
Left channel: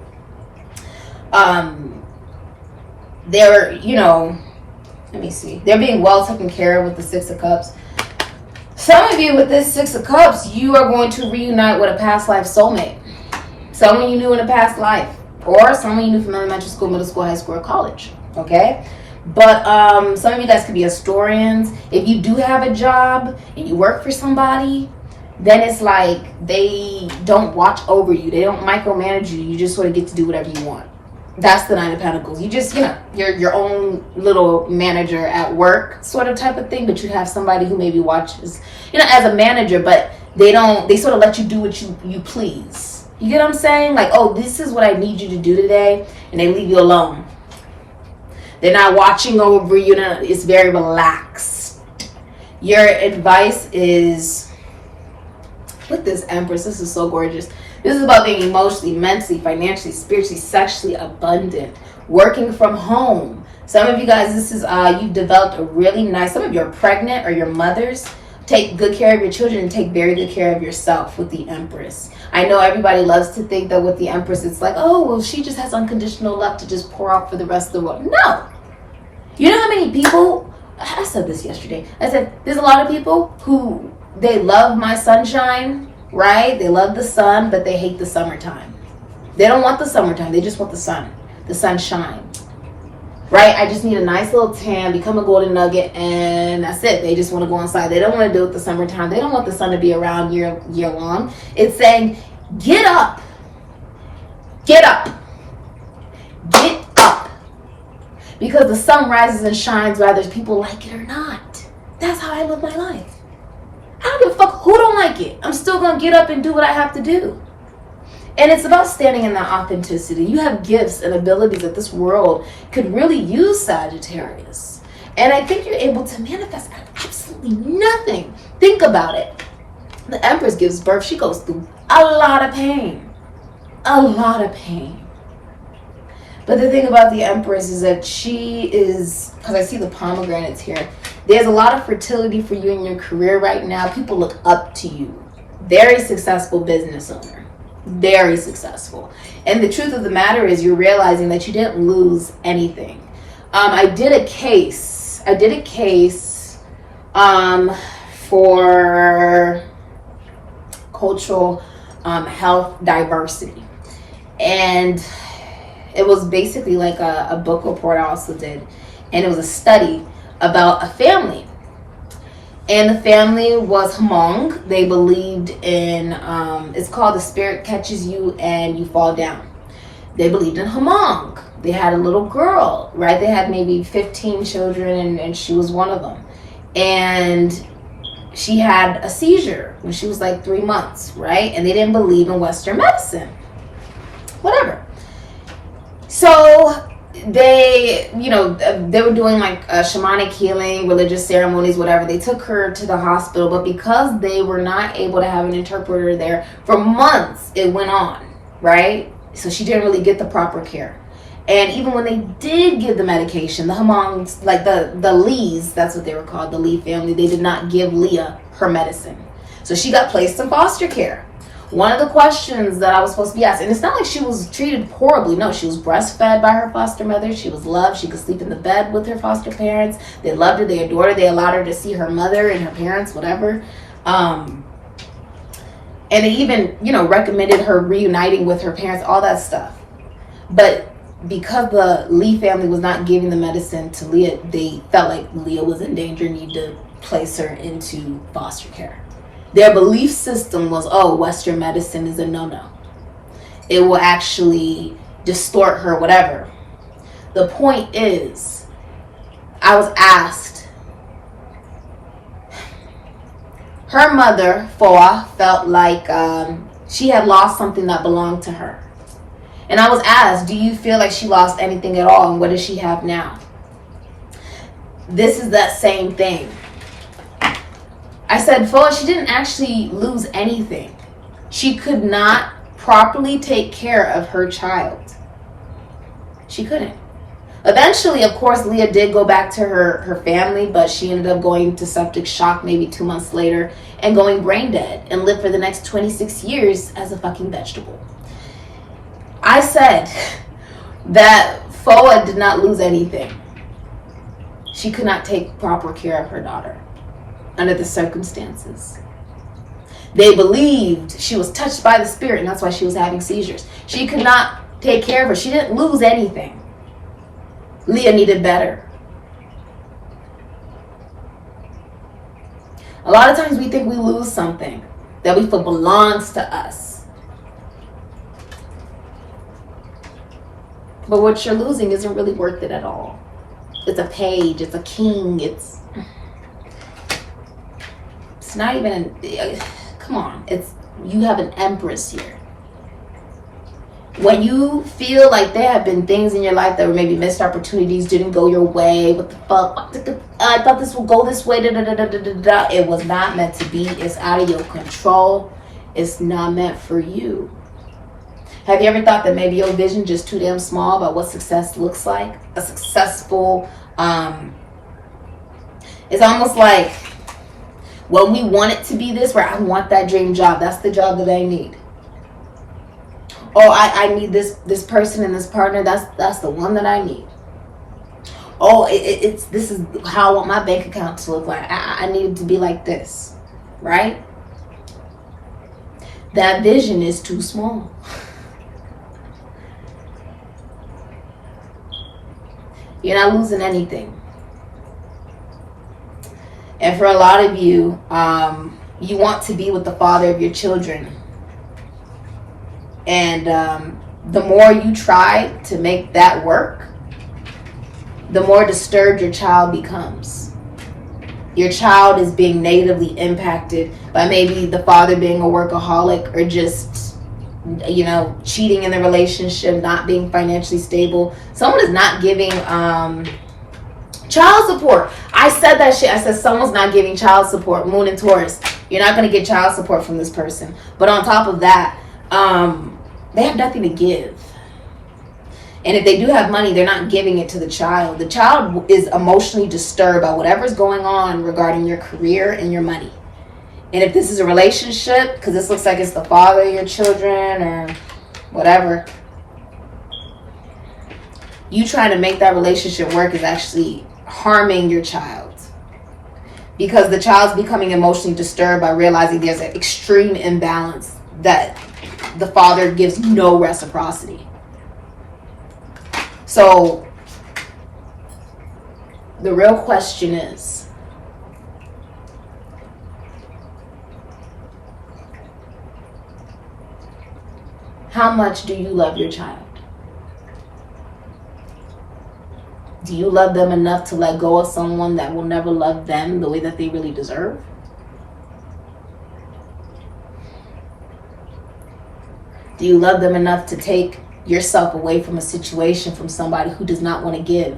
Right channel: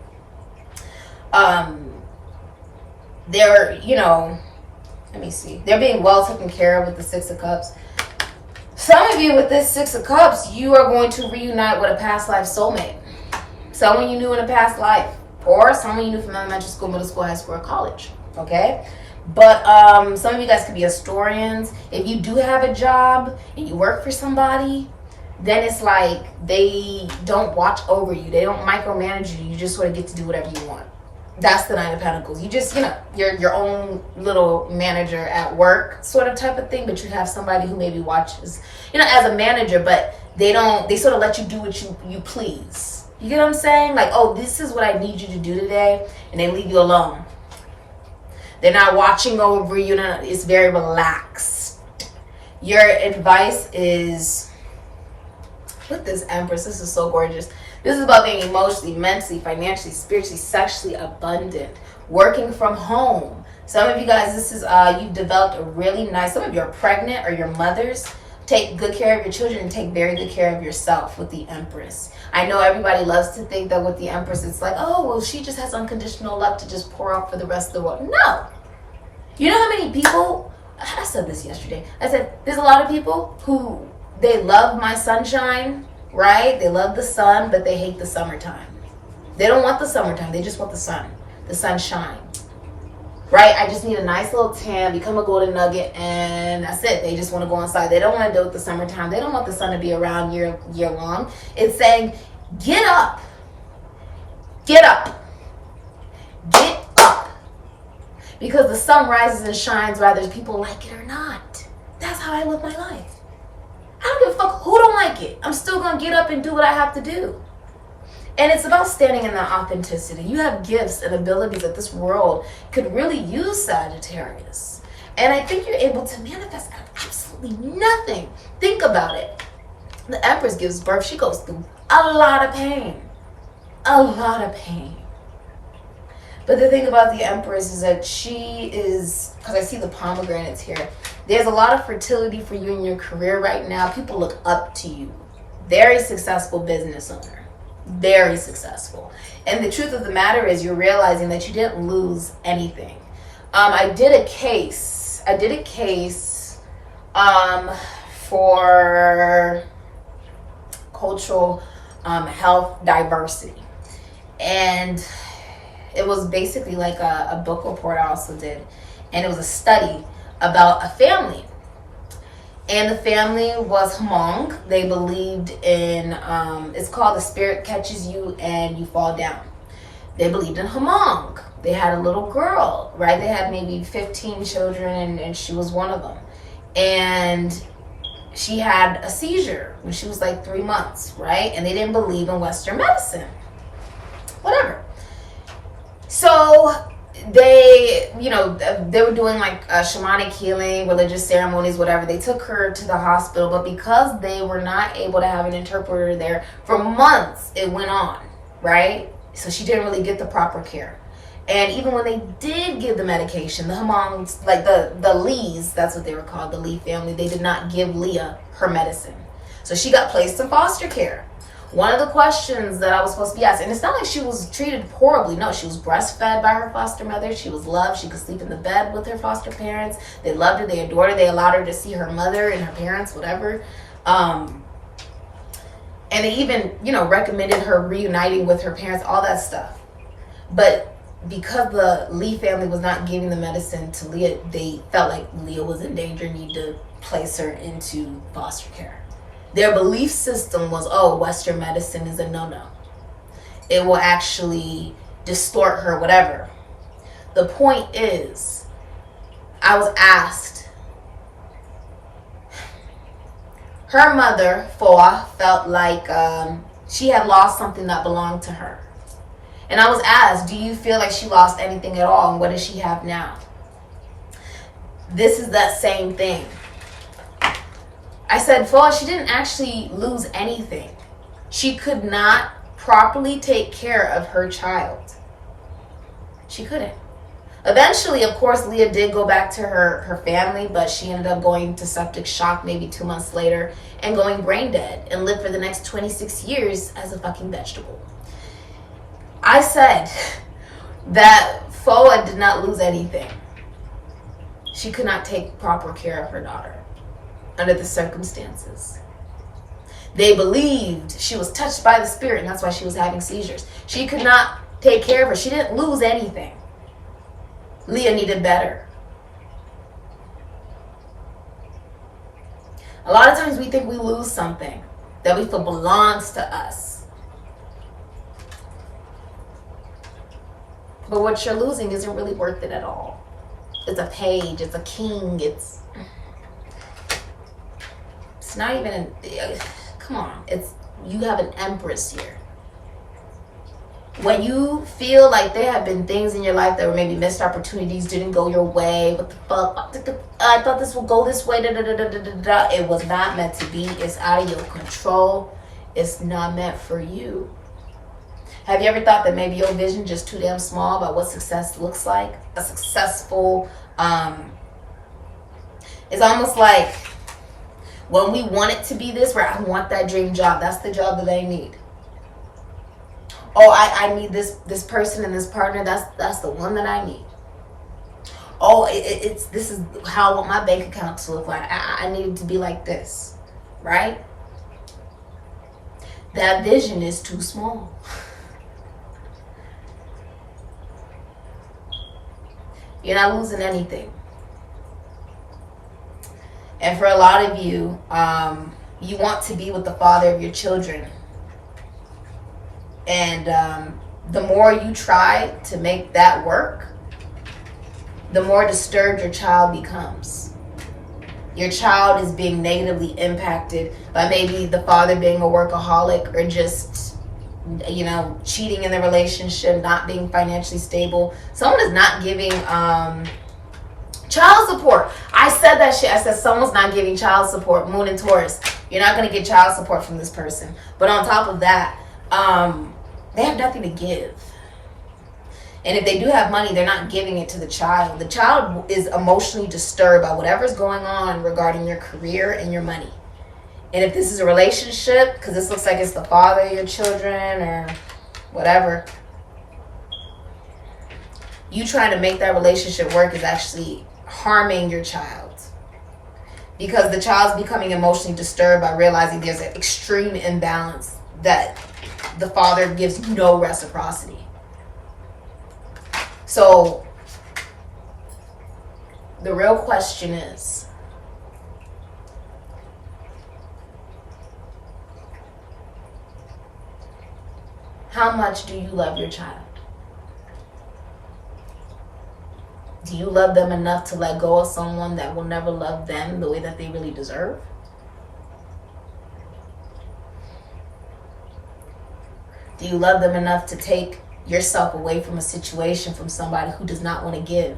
they're, let me see. They're being well taken care of with the 6 of Cups. Some of you with this 6 of Cups, you are going to reunite with a past life soulmate. Someone you knew in a past life. Or someone you knew from elementary school, middle school, high school, or college. Okay? But some of you guys could be historians. If you do have a job and you work for somebody, then it's like they don't watch over you. They don't micromanage you. You just sort of get to do whatever you want. That's the 9 of Pentacles. You just, you're your own little manager at work sort of type of thing. But you have somebody who maybe watches, as a manager, but they sort of let you do what you please. You get what I'm saying? Like, oh, this is what I need you to do today. And they leave you alone. They're not watching over you. It's very relaxed. Your advice is, with this Empress, this is so gorgeous. This is about being emotionally, mentally, financially, spiritually, sexually abundant. Working from home. Some of you guys, this is, you've developed a really nice, some of you are pregnant or your mothers. Take good care of your children and take very good care of yourself with the Empress. I know everybody loves to think that with the Empress, it's like, oh, well, she just has unconditional love to just pour out for the rest of the world. No. You know how many people, I said this yesterday. I said, there's a lot of people who, they love my sunshine, right? They love the sun, but they hate the summertime. They don't want the summertime. They just want the sunshine. Right? I just need a nice little tan, become a golden nugget, and that's it. They just want to go inside. They don't want to deal with the summertime. They don't want the sun to be around year long. It's saying, get up. Get up. Get up. Because the sun rises and shines whether people like it or not. That's how I live my life. I don't give a fuck who don't like it. I'm still going to get up and do what I have to do. And it's about standing in that authenticity. You have gifts and abilities that this world could really use, Sagittarius. And I think you're able to manifest absolutely nothing. Think about it. The Empress gives birth. She goes through a lot of pain. a lot of pain. But the thing about the Empress is that she is, because I see the pomegranates here, there's a lot of fertility for you in your career right now. People look up to you. Very successful business owner. Very successful. And the truth of the matter is you're realizing that you didn't lose anything. I did a case for cultural health diversity. And it was basically like a book report I also did. And it was a study about a family. And the family was Hmong. They believed in, it's called the spirit catches you and you fall down. They believed in Hmong. They had a little girl, right? They had maybe 15 children and she was one of them. And she had a seizure when she was like 3 months, right? And they didn't believe in Western medicine. Whatever. So they were doing like shamanic healing, religious ceremonies, whatever. They took her to the hospital, but because they were not able to have an interpreter there for months, it went on, right? So she didn't really get the proper care. And even when they did give the medication, the Hmongs, like the Lees, that's what they were called, the Lee family, they did not give Leah her medicine. So she got placed in foster care. One of the questions that I was supposed to be asked, and it's not like she was treated horribly. No, she was breastfed by her foster mother. She was loved. She could sleep in the bed with her foster parents. They loved her. They adored her. They allowed her to see her mother and her parents, whatever. And they even, recommended her reuniting with her parents, all that stuff. But because the Lee family was not giving the medicine to Leah, they felt like Leah was in danger and needed to place her into foster care. Their belief system was, Western medicine is a no-no. It will actually distort her, whatever. The point is, I was asked, her mother, Foa, felt like she had lost something that belonged to her. And I was asked, do you feel like she lost anything at all? And what does she have now? This is that same thing. I said, Foa, she didn't actually lose anything. She could not properly take care of her child. She couldn't. Eventually, of course, Leah did go back to her family, but she ended up going to septic shock maybe 2 months later and going brain dead and lived for the next 26 years as a fucking vegetable. I said that Foa did not lose anything. She could not take proper care of her daughter under the circumstances. They believed she was touched by the spirit, and that's why she was having seizures. She could not take care of her. She didn't lose anything. Leah needed better. A lot of times we think we lose something that we feel belongs to us. But what you're losing isn't really worth it at all. It's a page, it's a king, it's not even, come on, you have an empress here. When you feel like there have been things in your life that were maybe missed opportunities, didn't go your way, what the fuck, I thought this would go this way, it was not meant to be, it's out of your control, it's not meant for you. Have you ever thought that maybe your vision just too damn small about what success looks like? A successful, it's almost like, when we want it to be this, where I want that dream job, that's the job that I need. Oh, I need this person and this partner, that's the one that I need. Oh, this is how I want my bank account to look like. I need it to be like this, right? That vision is too small. You're not losing anything. And for a lot of you, you want to be with the father of your children. And the more you try to make that work, the more disturbed your child becomes. Your child is being negatively impacted by maybe the father being a workaholic or just, cheating in the relationship, not being financially stable. Someone is not giving child support. I said that shit. I said someone's not giving child support. Moon and Taurus. You're not going to get child support from this person. But on top of that, they have nothing to give. And if they do have money, they're not giving it to the child. The child is emotionally disturbed by whatever's going on regarding your career and your money. And if this is a relationship, because this looks like it's the father of your children or whatever, you trying to make that relationship work is actually harming your child. Because the child's becoming emotionally disturbed by realizing there's an extreme imbalance that the father gives no reciprocity. So the real question is, how much do you love your child? Do you love them enough to let go of someone that will never love them the way that they really deserve? Do you love them enough to take yourself away from a situation, from somebody who does not want to give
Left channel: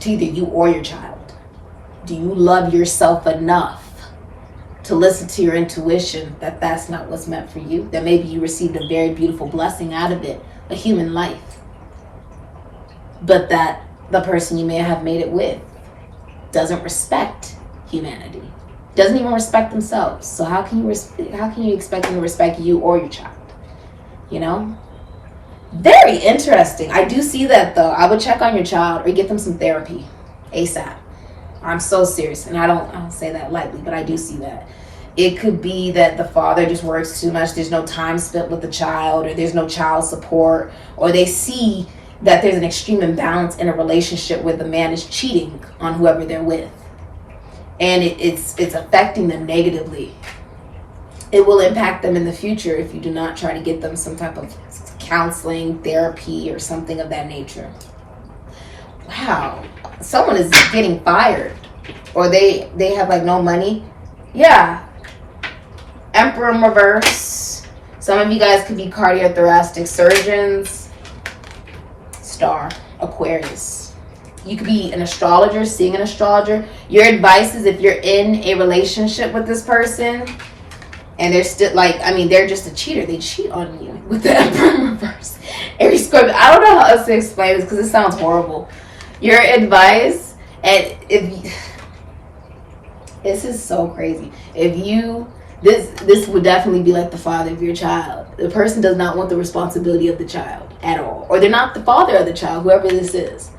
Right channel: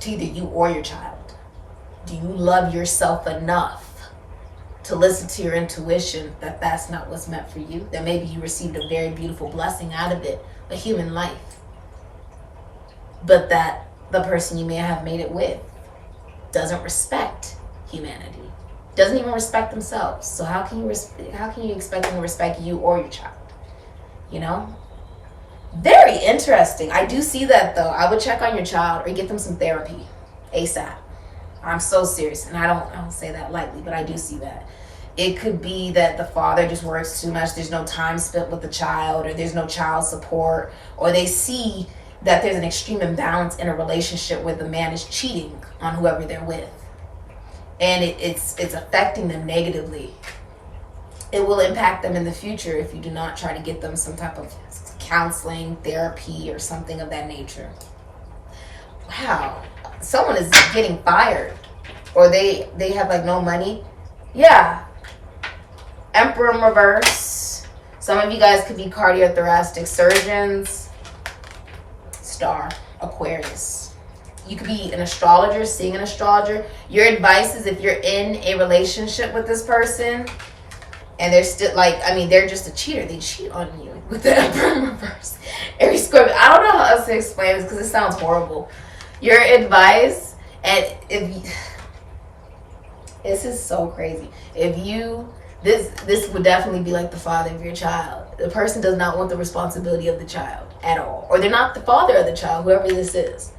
to either you or your child? Do you love yourself enough to listen to your intuition that that's not what's meant for you? That maybe you received a very beautiful blessing out of it, a human life, but that the person you may have made it with doesn't respect humanity, doesn't even respect themselves. So how can you expect them to respect you or your child? You know? Very interesting. I do see that though. I would check on your child or get them some therapy ASAP. I'm so serious, and I don't say that lightly, but I do see that. It could be that the father just works too much. There's no time spent with the child, or there's no child support, or they see that there's an extreme imbalance in a relationship where the man is cheating on whoever they're with, and it's affecting them negatively. It will impact them in the future if you do not try to get them some type of counseling, therapy, or something of that nature. Wow, someone is getting fired, or they have like no money. Yeah, Emperor in reverse. Some of you guys could be cardiothoracic surgeons. Star, Aquarius. You could be an astrologer, seeing an astrologer. Your advice is, if you're in a relationship with this person and they're still like, I mean, they're just a cheater, they cheat on you with the Emperor in reverse. Aries, Scorpio. I don't know how else to explain this because it sounds horrible. Your advice, and this is so crazy. If you, this would definitely be like the father of your child. The person does not want the responsibility of the child at all, or they're not the father of the child, whoever this is.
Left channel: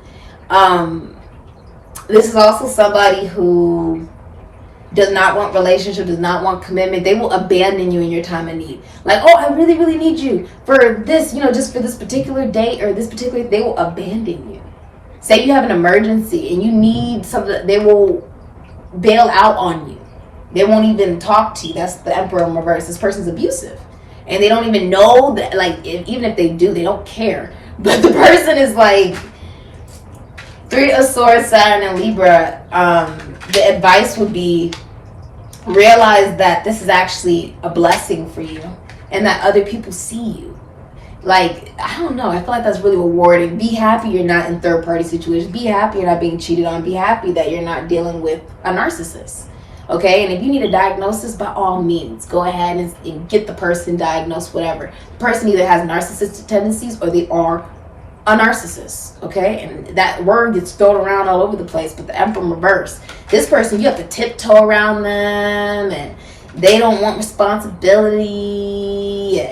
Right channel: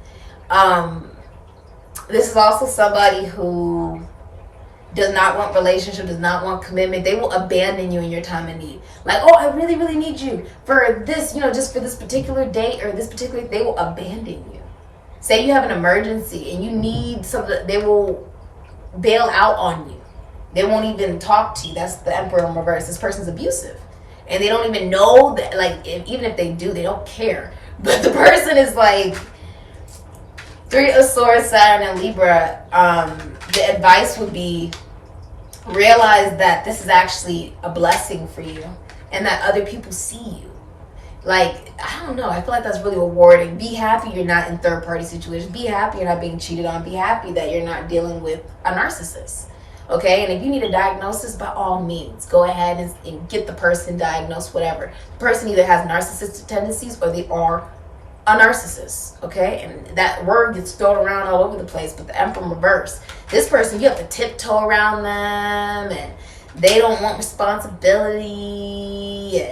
This is also somebody who does not want relationship, does not want commitment. They will abandon you in your time of need. Like, oh, I really, really need you for this, just for this particular date or this particular, they will abandon you. Say you have an emergency and you need something, they will bail out on you. They won't even talk to you. That's the Emperor in reverse. This person's abusive. And they don't even know that, like, even if they do, they don't care. But the person is like, 3 of Swords, Saturn, and Libra. The advice would be, realize that this is actually a blessing for you and that other people see you. Like, I don't know. I feel like that's really rewarding. Be happy you're not in third-party situations. Be happy you're not being cheated on. Be happy that you're not dealing with a narcissist. Okay? And if you need a diagnosis, by all means, go ahead and get the person diagnosed, whatever. The person either has narcissistic tendencies or they are a narcissist. Okay? And that word gets thrown around all over the place. But the Emperor in reverse, this person, you have to tiptoe around them, and they don't want responsibility,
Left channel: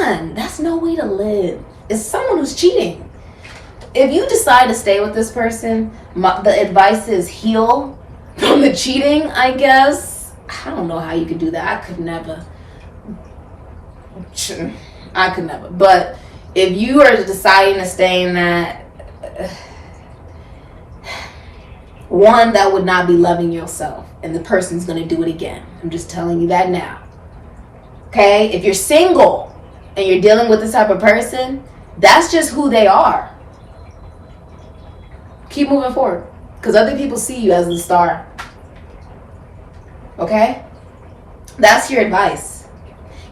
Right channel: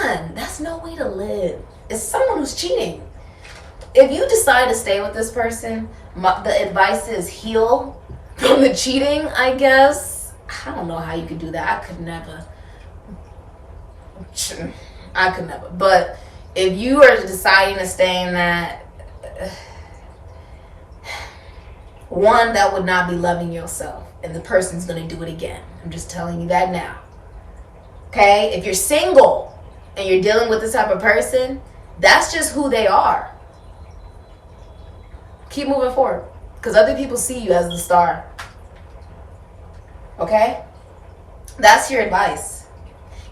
and that's no way to live. It's someone who's cheating. If you decide to stay with this person, the advice is heal from the cheating, I guess. I don't know how you could do that. I could never. But if you are deciding to stay in that, one, that would not be loving yourself, and the person's going to do it again. I'm just telling you that now. Okay, if you're single and you're dealing with this type of person, that's just who they are. Keep moving forward, because other people see you as the star. Okay? That's your advice.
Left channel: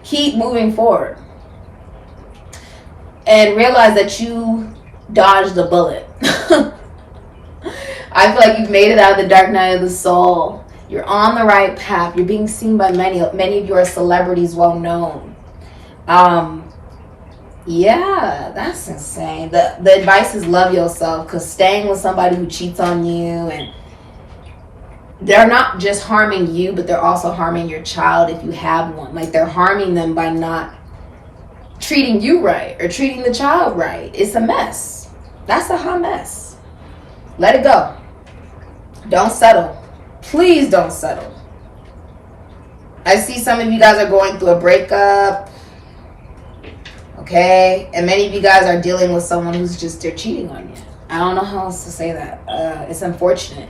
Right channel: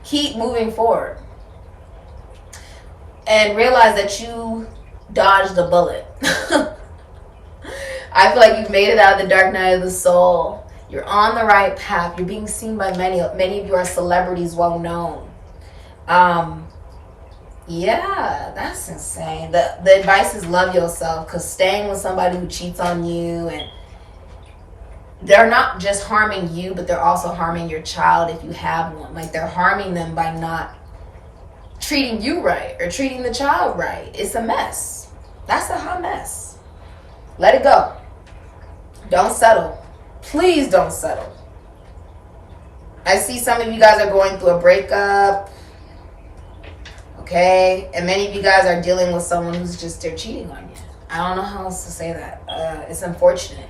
Keep moving forward. And realize that you dodged a bullet. I feel like you've made it out of the dark night of the soul. You're on the right path. You're being seen by many of you are celebrities, well known. Yeah, that's insane. The advice is love yourself, because staying with somebody who cheats on you, and they're not just harming you, but they're also harming your child if you have one. Like, they're harming them by not treating you right or treating the child right. It's a mess. That's a hot mess. Let it go. Don't settle. Please don't settle. I see some of you guys are going through a breakup. Okay, and many of you guys are dealing with someone who's just, they're cheating on you. I don't know how else to say that. It's unfortunate.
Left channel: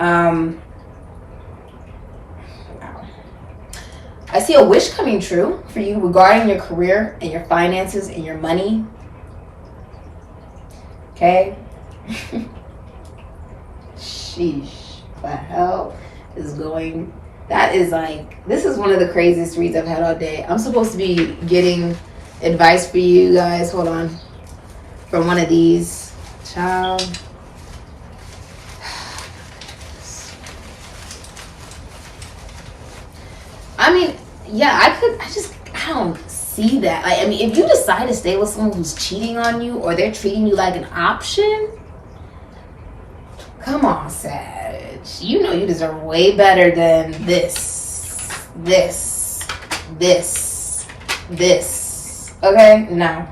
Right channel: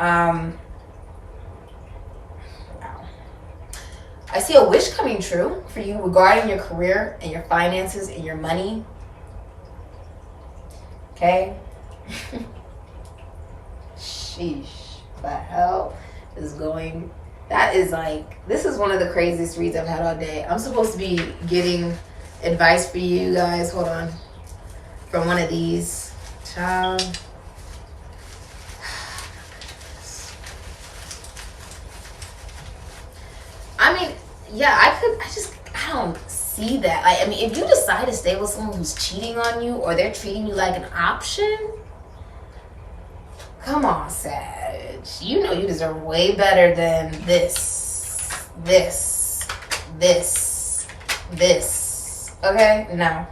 Wow. I see a wish coming true for you regarding your career and your finances and your money. Okay. Sheesh. The hell is going? That is like, this is one of the craziest reads I've had all day. I'm supposed to be getting advice for you guys. Hold on. From one of these. Child. I mean, yeah, I don't see that. Like, I mean, if you decide to stay with someone who's cheating on you, or they're treating you like an option, come on, Sag. You know you deserve way better than this. Okay? No.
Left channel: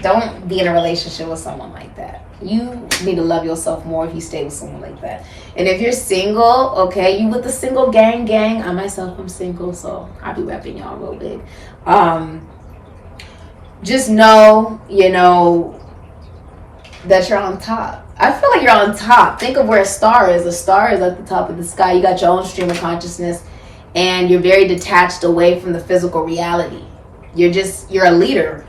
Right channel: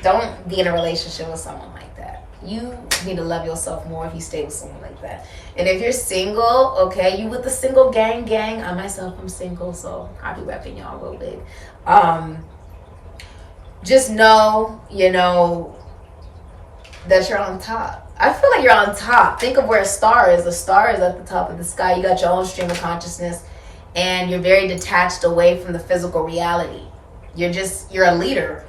Don't be in a relationship with someone like that. You need to love yourself more if you stay with someone like that. And if you're single, okay, you with the single gang. I myself am single, so I'll be repping y'all real big. Just know, you know, that you're on top. I feel like you're on top. Think of where a star is. A star is at the top of the sky. You got your own stream of consciousness, and you're very detached away from the physical reality. You're a leader.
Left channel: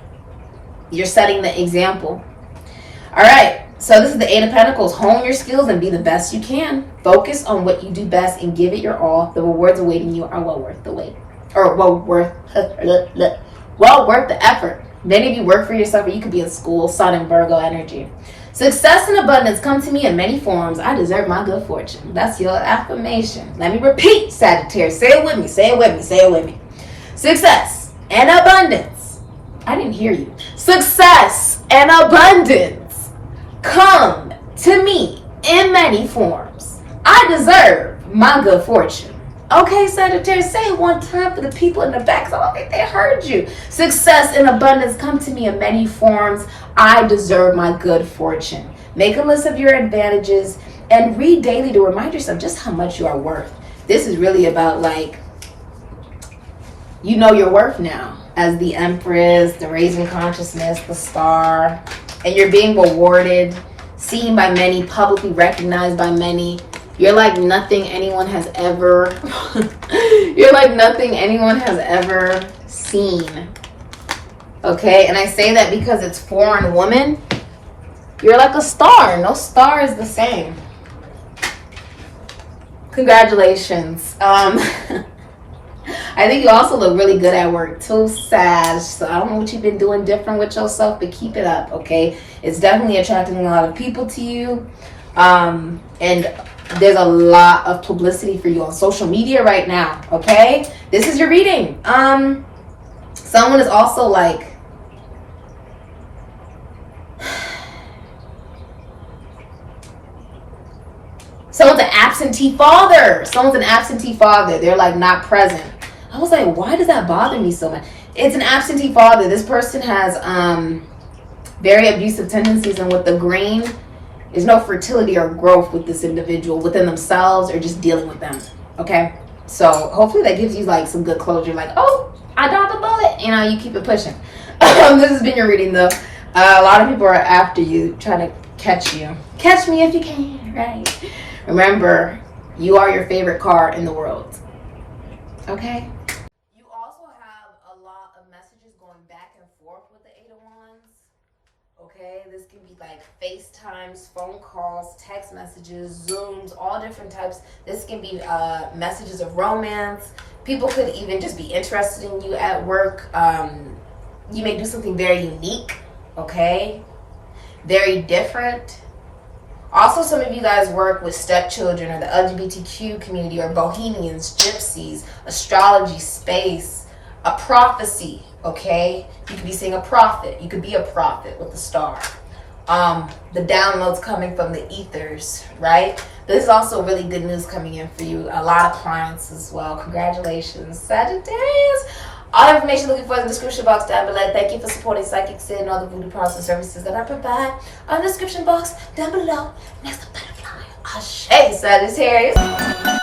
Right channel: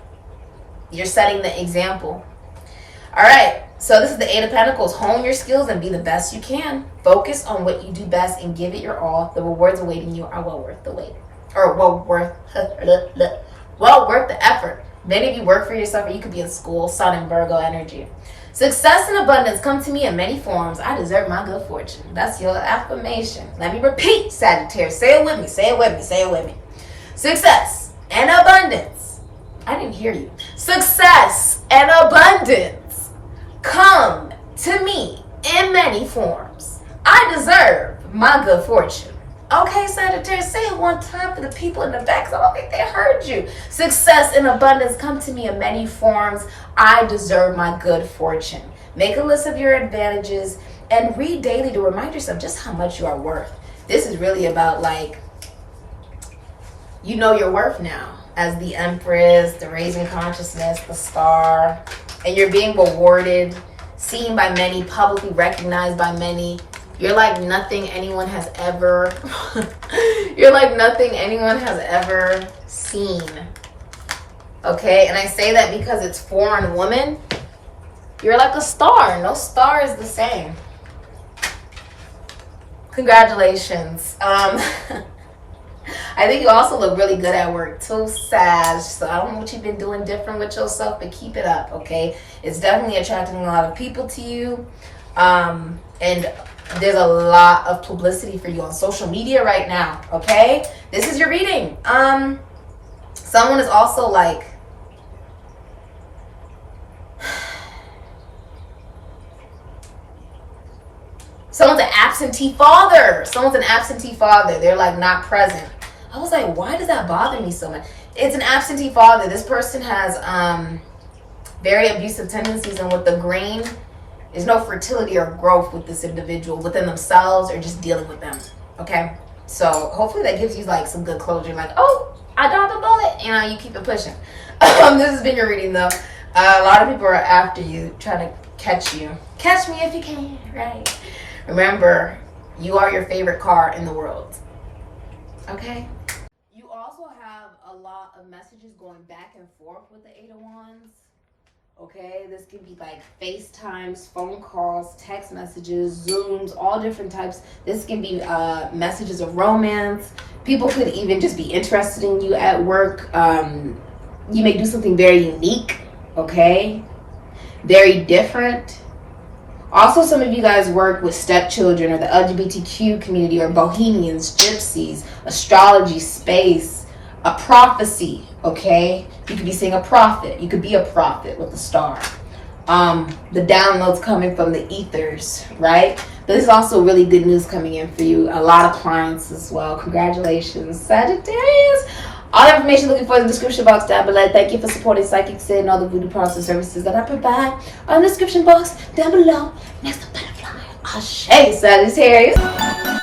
You're setting the example. All right, so this is the Eight of Pentacles. Hone your skills and be the best you can. Focus on what you do best and give it your all. The rewards awaiting you are well worth the wait. Or well worth the effort. Many of you work for yourself, or you could be in school. Sun and Virgo energy. Success and abundance come to me in many forms. I deserve my good fortune. That's your affirmation. Let me repeat, Sagittarius. Say it with me. Say it with me. Say it with me. Success and abundance. I didn't hear you. Success and abundance come to me in many forms. I deserve my good fortune. Okay, Sagittarius, say it one time for the people in the back, so I don't think they heard you. Success and abundance come to me in many forms. I deserve my good fortune. Make a list of your advantages and read daily to remind yourself just how much you are worth. This is really about, like, you know your worth now as the Empress, the raising consciousness, the star, and you're being rewarded, seen by many, publicly recognized by many. You're like nothing anyone has ever you're like nothing anyone has ever seen. Okay, and I say that because it's foreign woman. You're like a star. No star is the same. Congratulations. I think you also look really good at work too, Sag. So I don't know what you've been doing different with yourself, but keep it up, okay? It's definitely attracting a lot of people to you. And there's a lot of publicity for you on social media right now, okay? This is your reading. Someone is also like, someone's an absentee father. Someone's an absentee father. They're like not present. I was like, why does that bother me so much? It's an absentee father. This person has very abusive tendencies, and with the green, there's no fertility or growth with this individual within themselves or just dealing with them. Okay? So hopefully that gives you like some good closure. Like, oh, I dodged a bullet. You know, you keep it pushing. This has been your reading though. A lot of people are after you, trying to catch you. Catch me if you can, right? Remember, you are your favorite car in the world. Okay? You also have a lot of messages going back and forth with the Eight of Wands. Okay, this could be like FaceTimes, phone calls, text messages, Zooms, all different types. This can be messages of romance. People could even just be interested in you at work. You may do something very unique, okay? Very different. Also, some of you guys work with stepchildren or the LGBTQ community or bohemians, gypsies, astrology, space. a prophecy, okay? You could be seeing a prophet. You could be a prophet with the star. The downloads coming from the ethers, right? This is also really good news coming in for you. A lot of clients as well. Congratulations, Sagittarius. All the information looking for in the description box down below. Thank you for supporting Sikiksyd and all the voodoo products and services that I provide on the description box down below. Next up, butterfly. Ashe, Sagittarius.